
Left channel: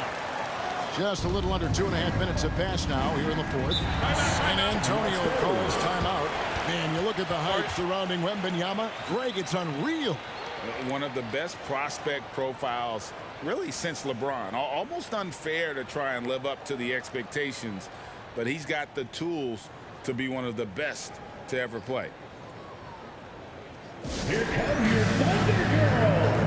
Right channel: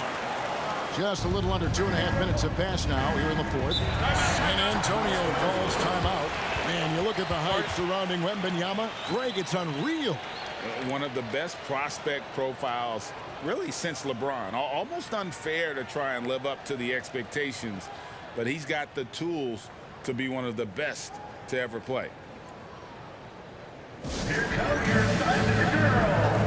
Just a little under 2.5 minutes have passed now here in the 4th. San Antonio calls timeout. Man, you look at the hype surrounding Wembanyama. Greg, it's unreal. One of the best prospect profiles really since LeBron. Almost unfair to try and live up to the expectations, but he's got the tools to be one of the best to ever play. Here comes your Thunder Girl.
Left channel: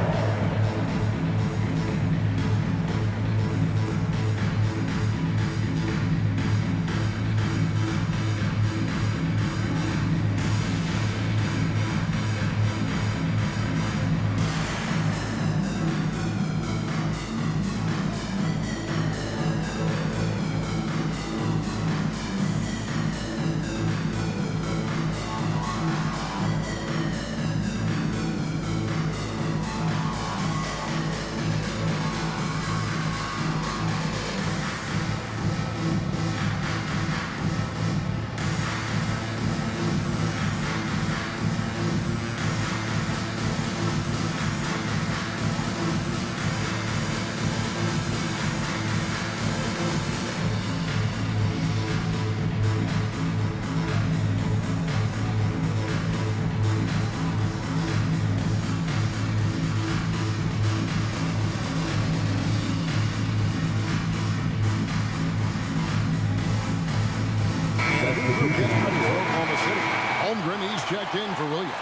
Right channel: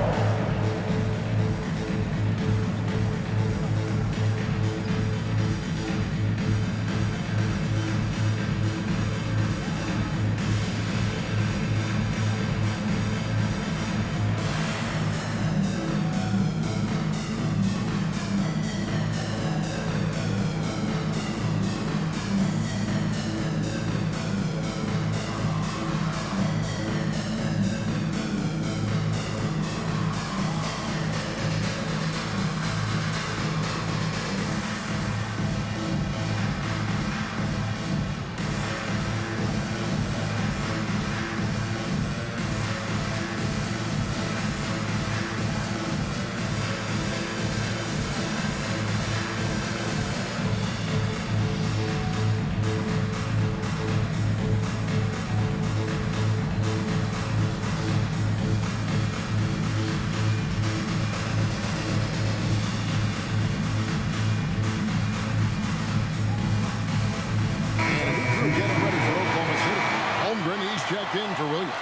Oklahoma City. Holmgren, he's checked in for Williams.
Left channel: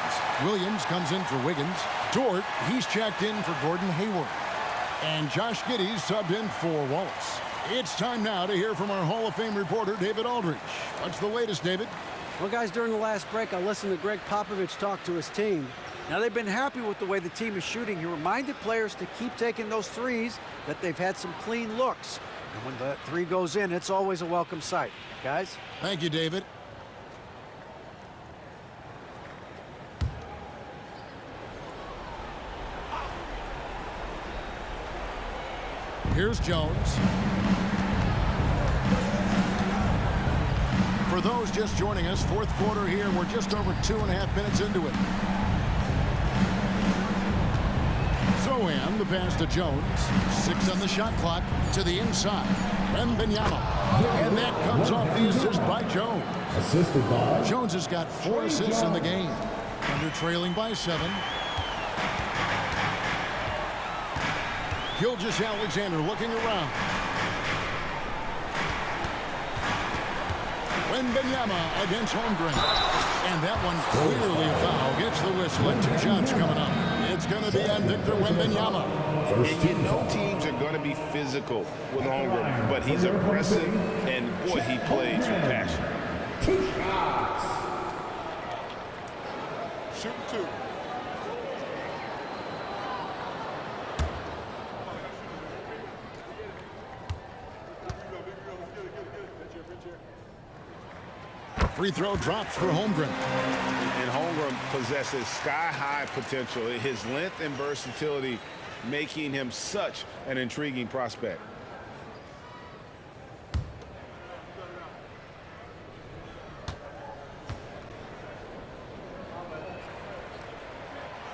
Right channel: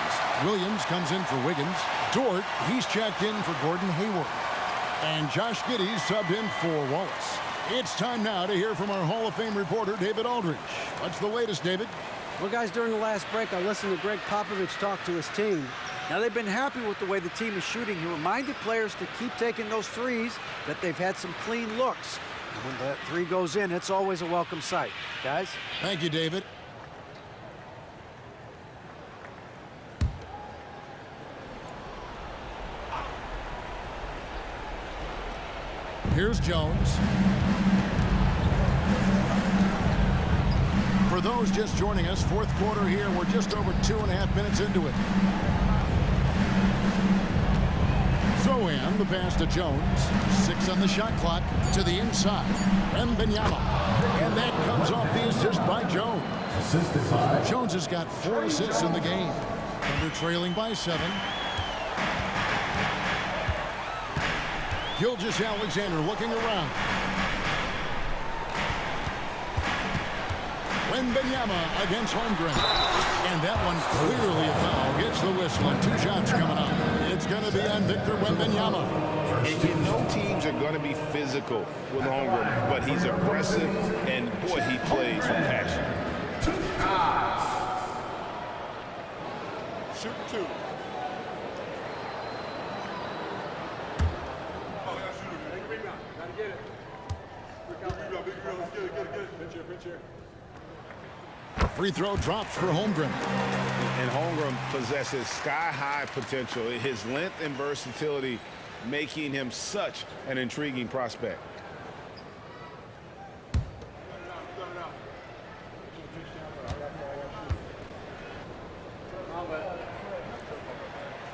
Williams comes in for Wiggins. Dort, he's checked in for Gordon Hayward. And Josh Giddey's subbed in for Wallace. It's time now to hear from our Hall of Fame reporter, David Aldridge. What's the latest, David? Well, guys, during the last break, I listened to Greg Popovich talk to his team. Now, they've been happy with the way the team is shooting. He reminded players to keep taking those threes, that they've had some clean looks. And when that three goes in, it's always a welcome sight. Guys? Thank you, David. Here's Jones. For those just joining us, fourth quarter here. We're just over 2.5 minutes into it. Zohan, the pass to Jones. 6 on the shot clock to the inside. Wembanyama. And that comes off the assist by Jones. Assisted by Jones has got 4 assists in the game. Thunder trailing by 7. Gilgeous-Alexander looking around. Wembanyama against Holmgren. And that one clearly a foul. Gets the whistle and 2 shots coming up. It's going to be on Victor Wembanyama. And you know teams are going to be physical with Holmgren, but he's aggressive, and boy, he plays with passion. 2 shots. Shoot 2. Free throw drops for Holmgren. And Holmgren possesses sky-high potential. His length and versatility making him such an intriguing prospect.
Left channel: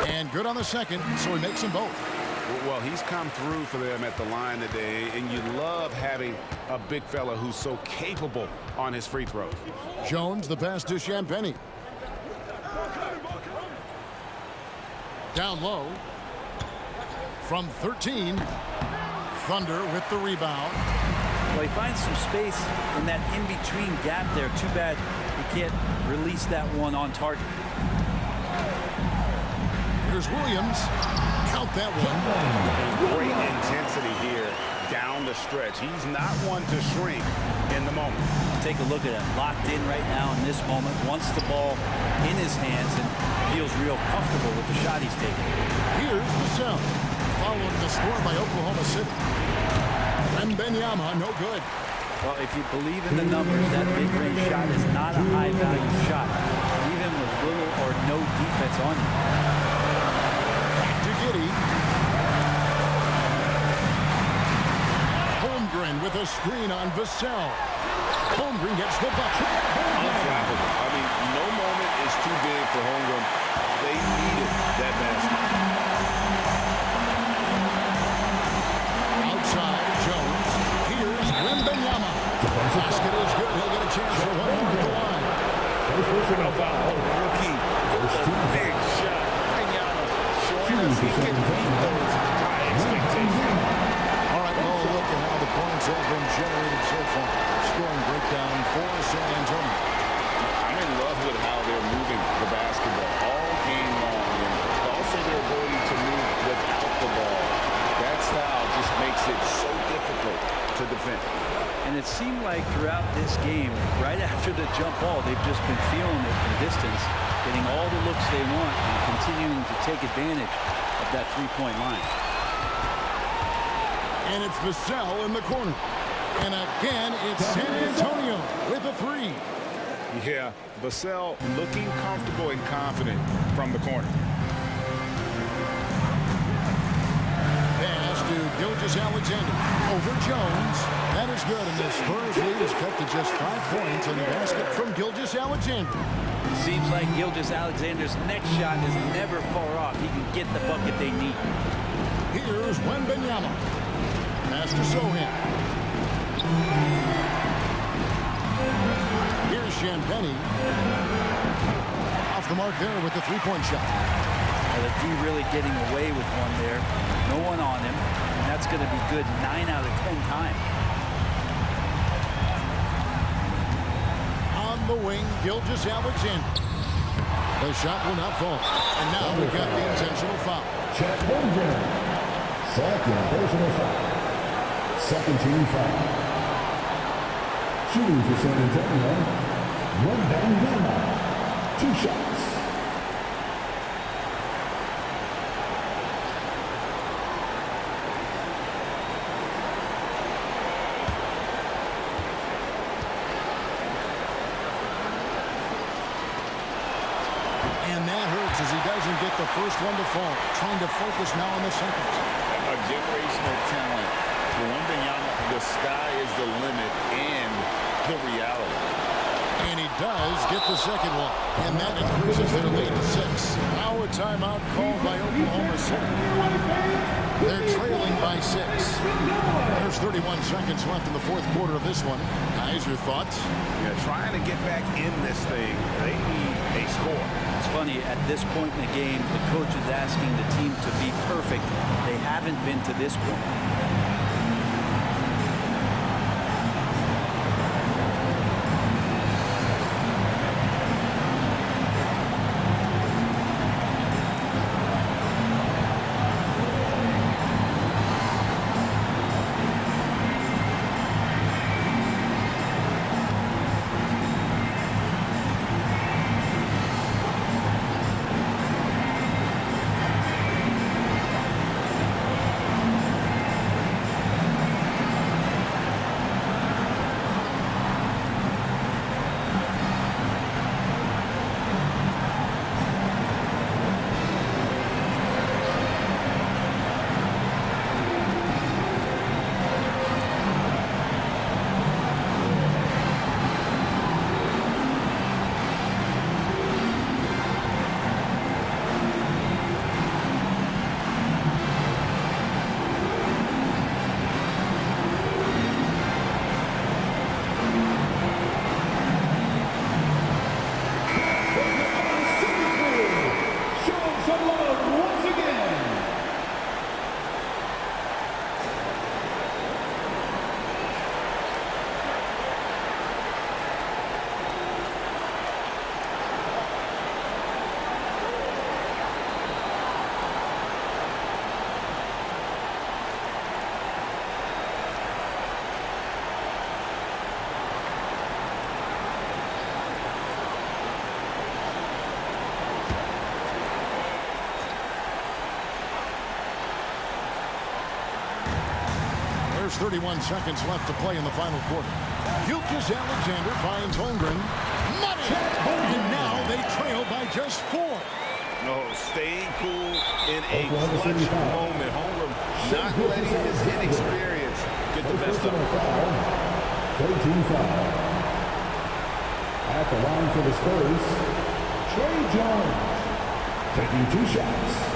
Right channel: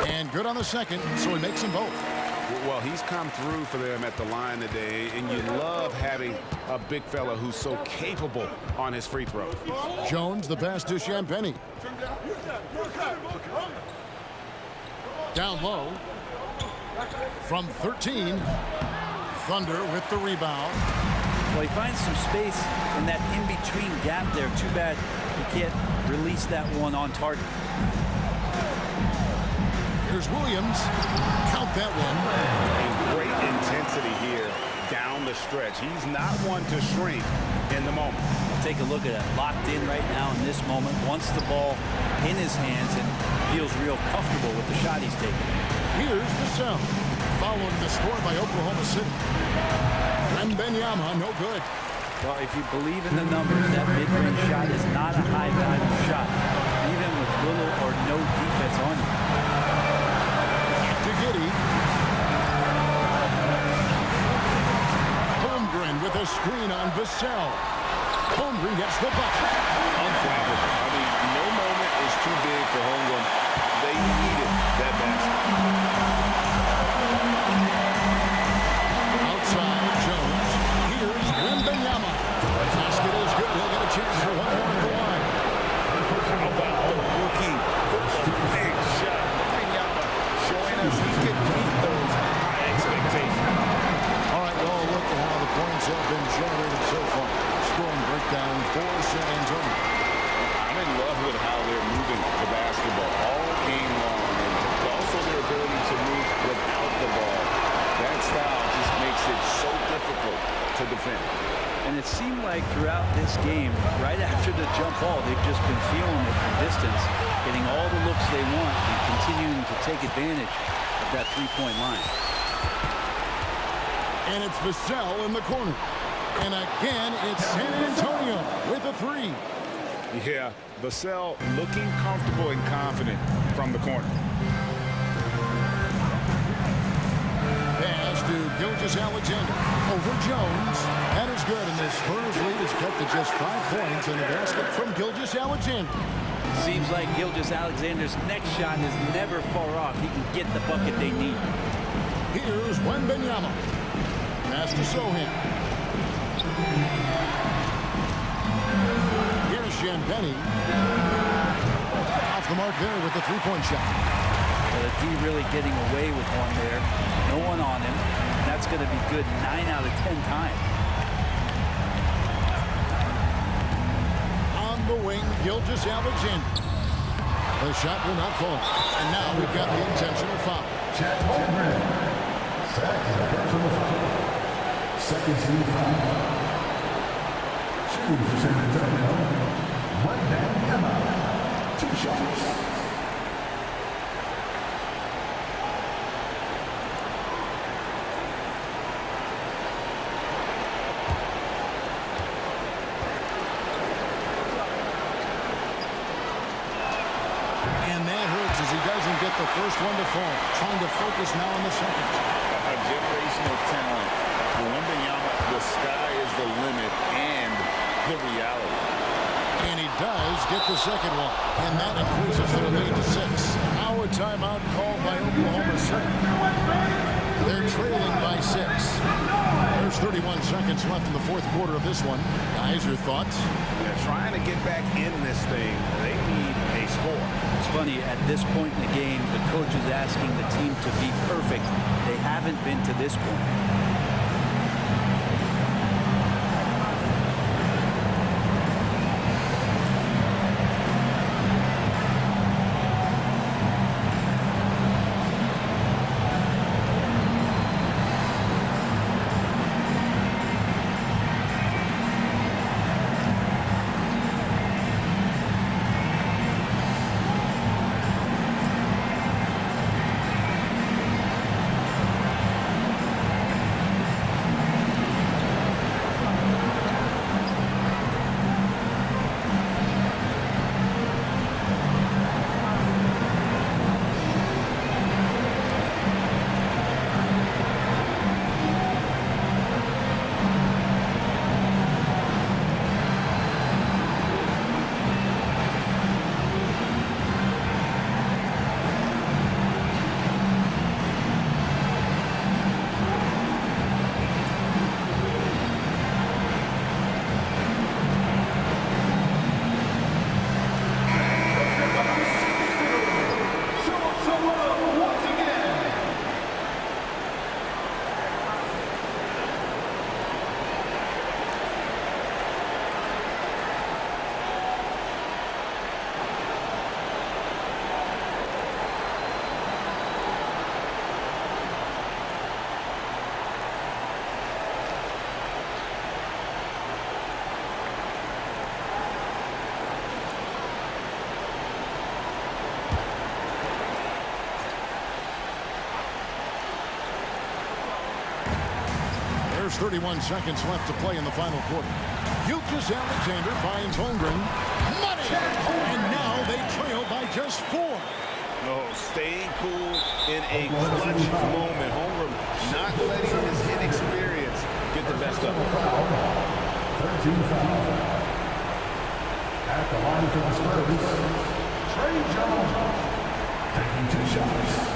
And good on the second, so he makes them both. Well, he's come through for them at the line today, and you love having a big fella who's so capable on his free throws. Jones, the pass to Champagnie. Down low. From 13. Thunder with the rebound. Well, he finds some space in that in-between gap there. Too bad he can't release that one on target. Here's Williams. Count that one. And great intensity here down the stretch. He's not one to shrink in the moment. Take a look at him. Locked in right now in this moment. Wants the ball in his hands and feels real comfortable with the shot he's taking. Here's Vassell. Following the score by Oklahoma City. Wembanyama, no good. Well, if you believe in the numbers, that mid-range shot is not a high-value shot, even with little or no defense on you. To Giddey. Holmgren with a screen on Vassell. Holmgren gets the bucket. Unflappable. I mean, no moment is too big for Holmgren. They needed that basket. Outside, Jones. Here's Wembanyama. Basket is good. He'll get a chance for one more at the line. How about the rookie with a big shot? Wembanyama showing us he can meet those high expectations. All right, well, look at how the points have been generated so far. Scoring breakdown for San Antonio. I'm in love with how they're moving the basketball all game long, and also their ability to move without the ball. That style just makes it so difficult to defend. And it seemed like throughout this game, right after the jump ball, they've just been feeling it from distance, getting all the looks they want and continuing to take advantage of that three-point line. And it's Vassell in the corner. And again, it's San Antonio with a 3. Yeah, Vassell looking comfortable and confident from the corner. Pass to Gilgeous-Alexander. Over Jones. That is good, and the Spurs lead is cut to just 5 points on the basket from Gilgeous-Alexander. Seems like Gilgeous-Alexander's next shot is never far off. He can get the bucket they need. Here's Wembanyama. Pass to Sohan. Here's Champagnie. Off the mark there with the three-point shot. Well, the D really getting away with one there. No one on him. And that's going to be good 9 out of 10 times. On the wing, Gilgeous-Alexander. The shot will not fall. And now we've got the intentional foul. Chet Holmgren. Second personal foul. Second team foul. Shooting for San Antonio, Wembanyama. 2 shots. And that hurts as he doesn't get the first one to fall. Trying to focus now on the second. A generational talent. For Wembanyama, the sky is the limit and the reality. And he does get the second one. And that increases their lead to 6. Now a timeout called by Oklahoma City. They're trailing by 6. There's 31 seconds left in the fourth quarter of this one. Guys, your thoughts? Yeah, trying to get back in this thing. They need a score. It's funny, at this point in the game, the coach is asking the team to be perfect. They haven't been to this point. There's 31 seconds left to play in the final quarter. Gilgeous-Alexander finds Holmgren. Money! And now they trail by just 4. No, staying cool in a clutch moment. Holmgren not letting his inexperience get the best of him. 13 foul. At the line for the Spurs, Trey Jones taking 2 shots.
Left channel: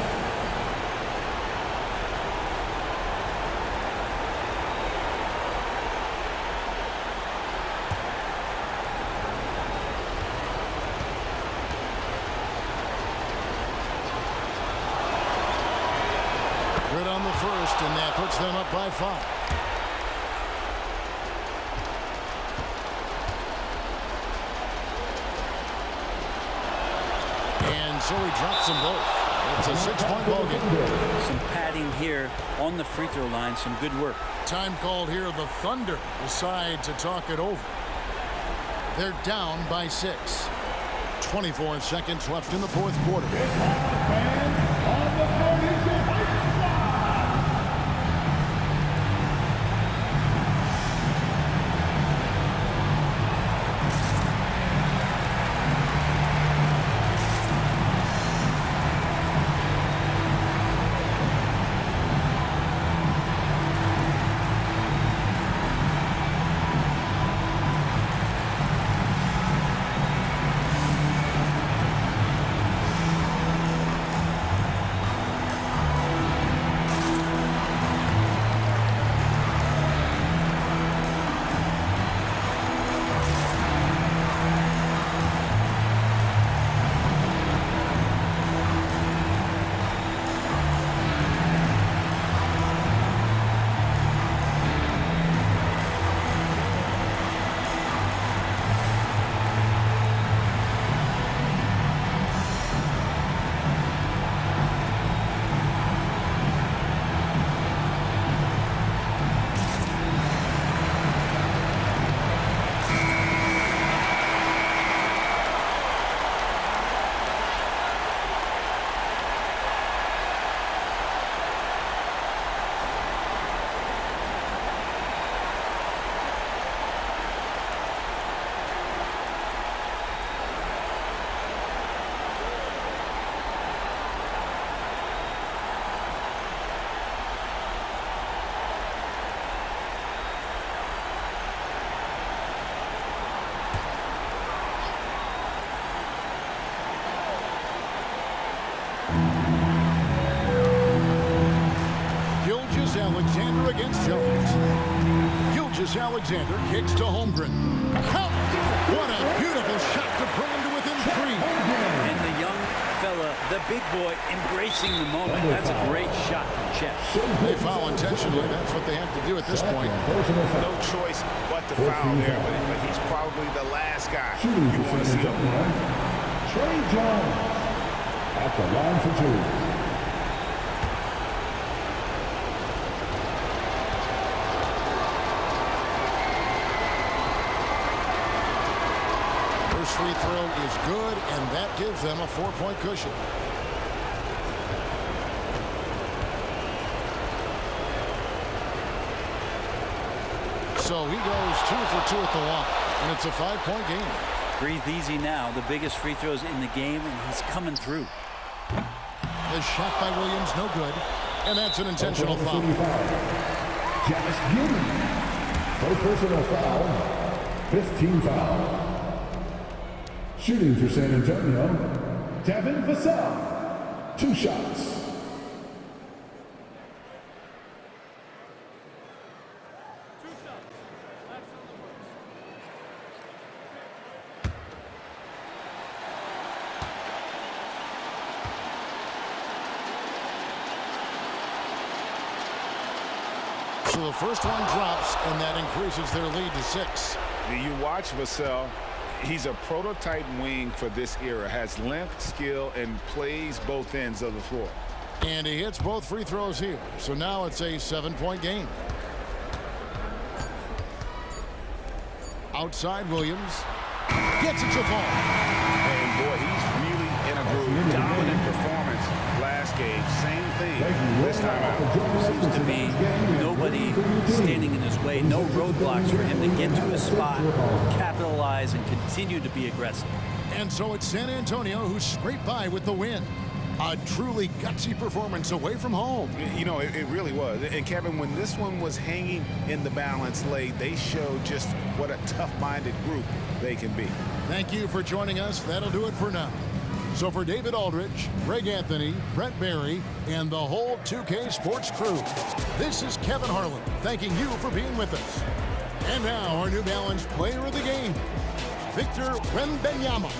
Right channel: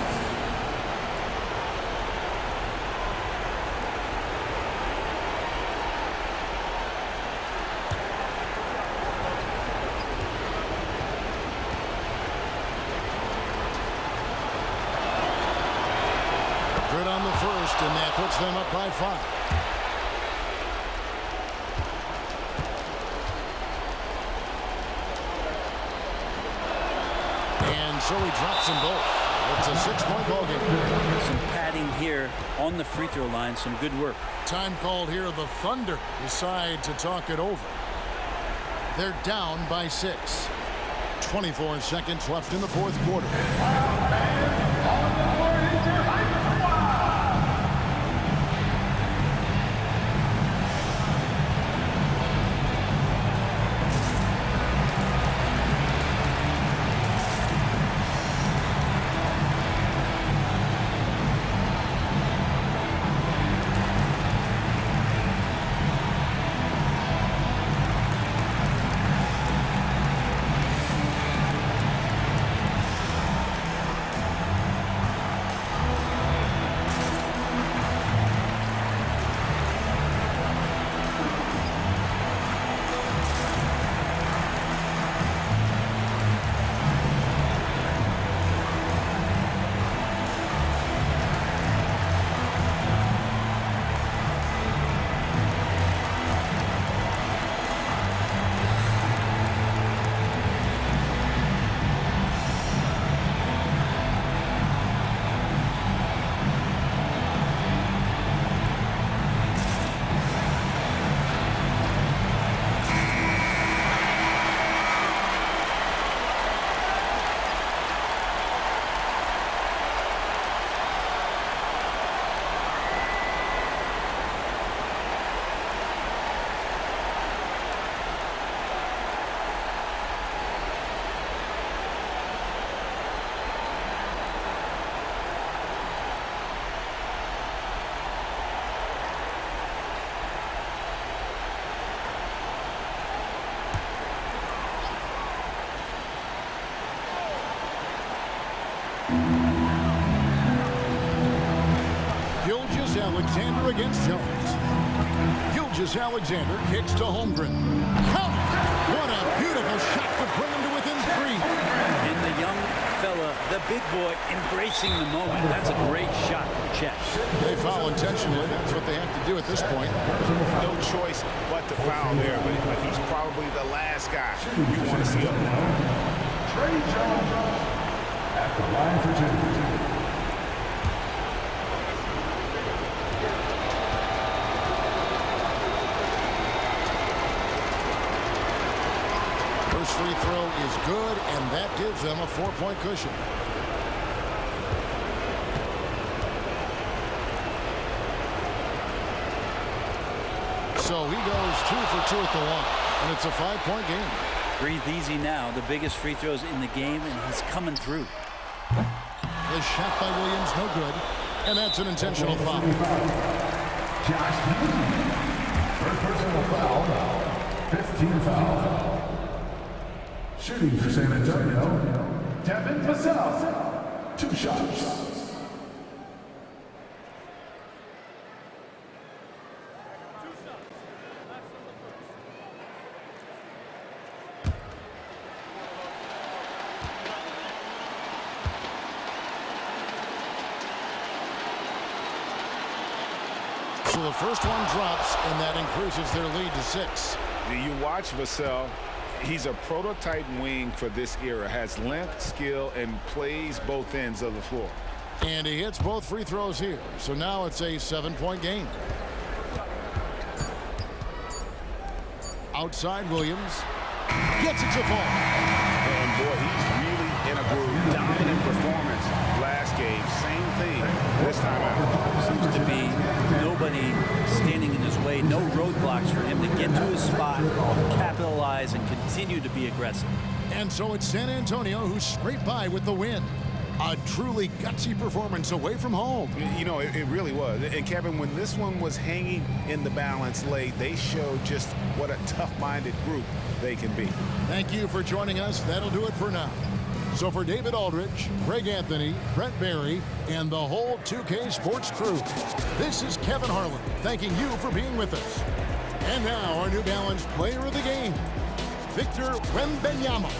Good on the first, and that puts them up by 5. And so he drops them both. It's a 6-point ball game. Some padding here on the free throw line. Some good work. Time called here. The Thunder decide to talk it over. They're down by 6. 24 seconds left in the fourth quarter. Alexander against Jones. Alexander kicks to Holmgren. Count it! What a beautiful shot to bring him to within 3. And the young fella, the big boy, embracing the moment. That's a great shot from Chet. They foul intentionally. That's what they have to do at this point. No choice but to foul there, but he's probably the last guy you want to see up there. Trey Jones at the line for 2. First free throw is good, and that gives them a 4-point cushion. So he goes 2 for 2 at the line, and it's a 5-point game. Breathe easy now. The biggest free throws in the game, and he's coming through. The shot by Williams, no good, and that's an intentional foul. Josh Giddey. First personal foul. 15 foul. Shooting for San Antonio, Devin Vassell. 2 shots. So the first one drops, and that increases their lead to 6. You watch Vassell. He's a prototype wing for this era. Has length, skill, and plays both ends of the floor. And he hits both free throws here. So now it's a 7-point game. Outside, Williams gets it to fall. And boy, he's really in a groove. Dominant performance last game. Same thing this time out. Seems to be nobody standing in his way. No roadblocks for him to get to his spot, capitalize, and continue to be aggressive. And so it's San Antonio who scraped by with the win. A truly gutsy performance away from home. You know, it really was. And Kevin, when this one was hanging in the balance late, they showed just what a tough-minded group they can be. Thank you for joining us. That'll do it for now. So for David Aldridge, Greg Anthony, Brent Barry, and the whole 2K Sports crew, this is Kevin Harlan thanking you for being with us. And now our New Balance player of the game, Victor Wembanyama.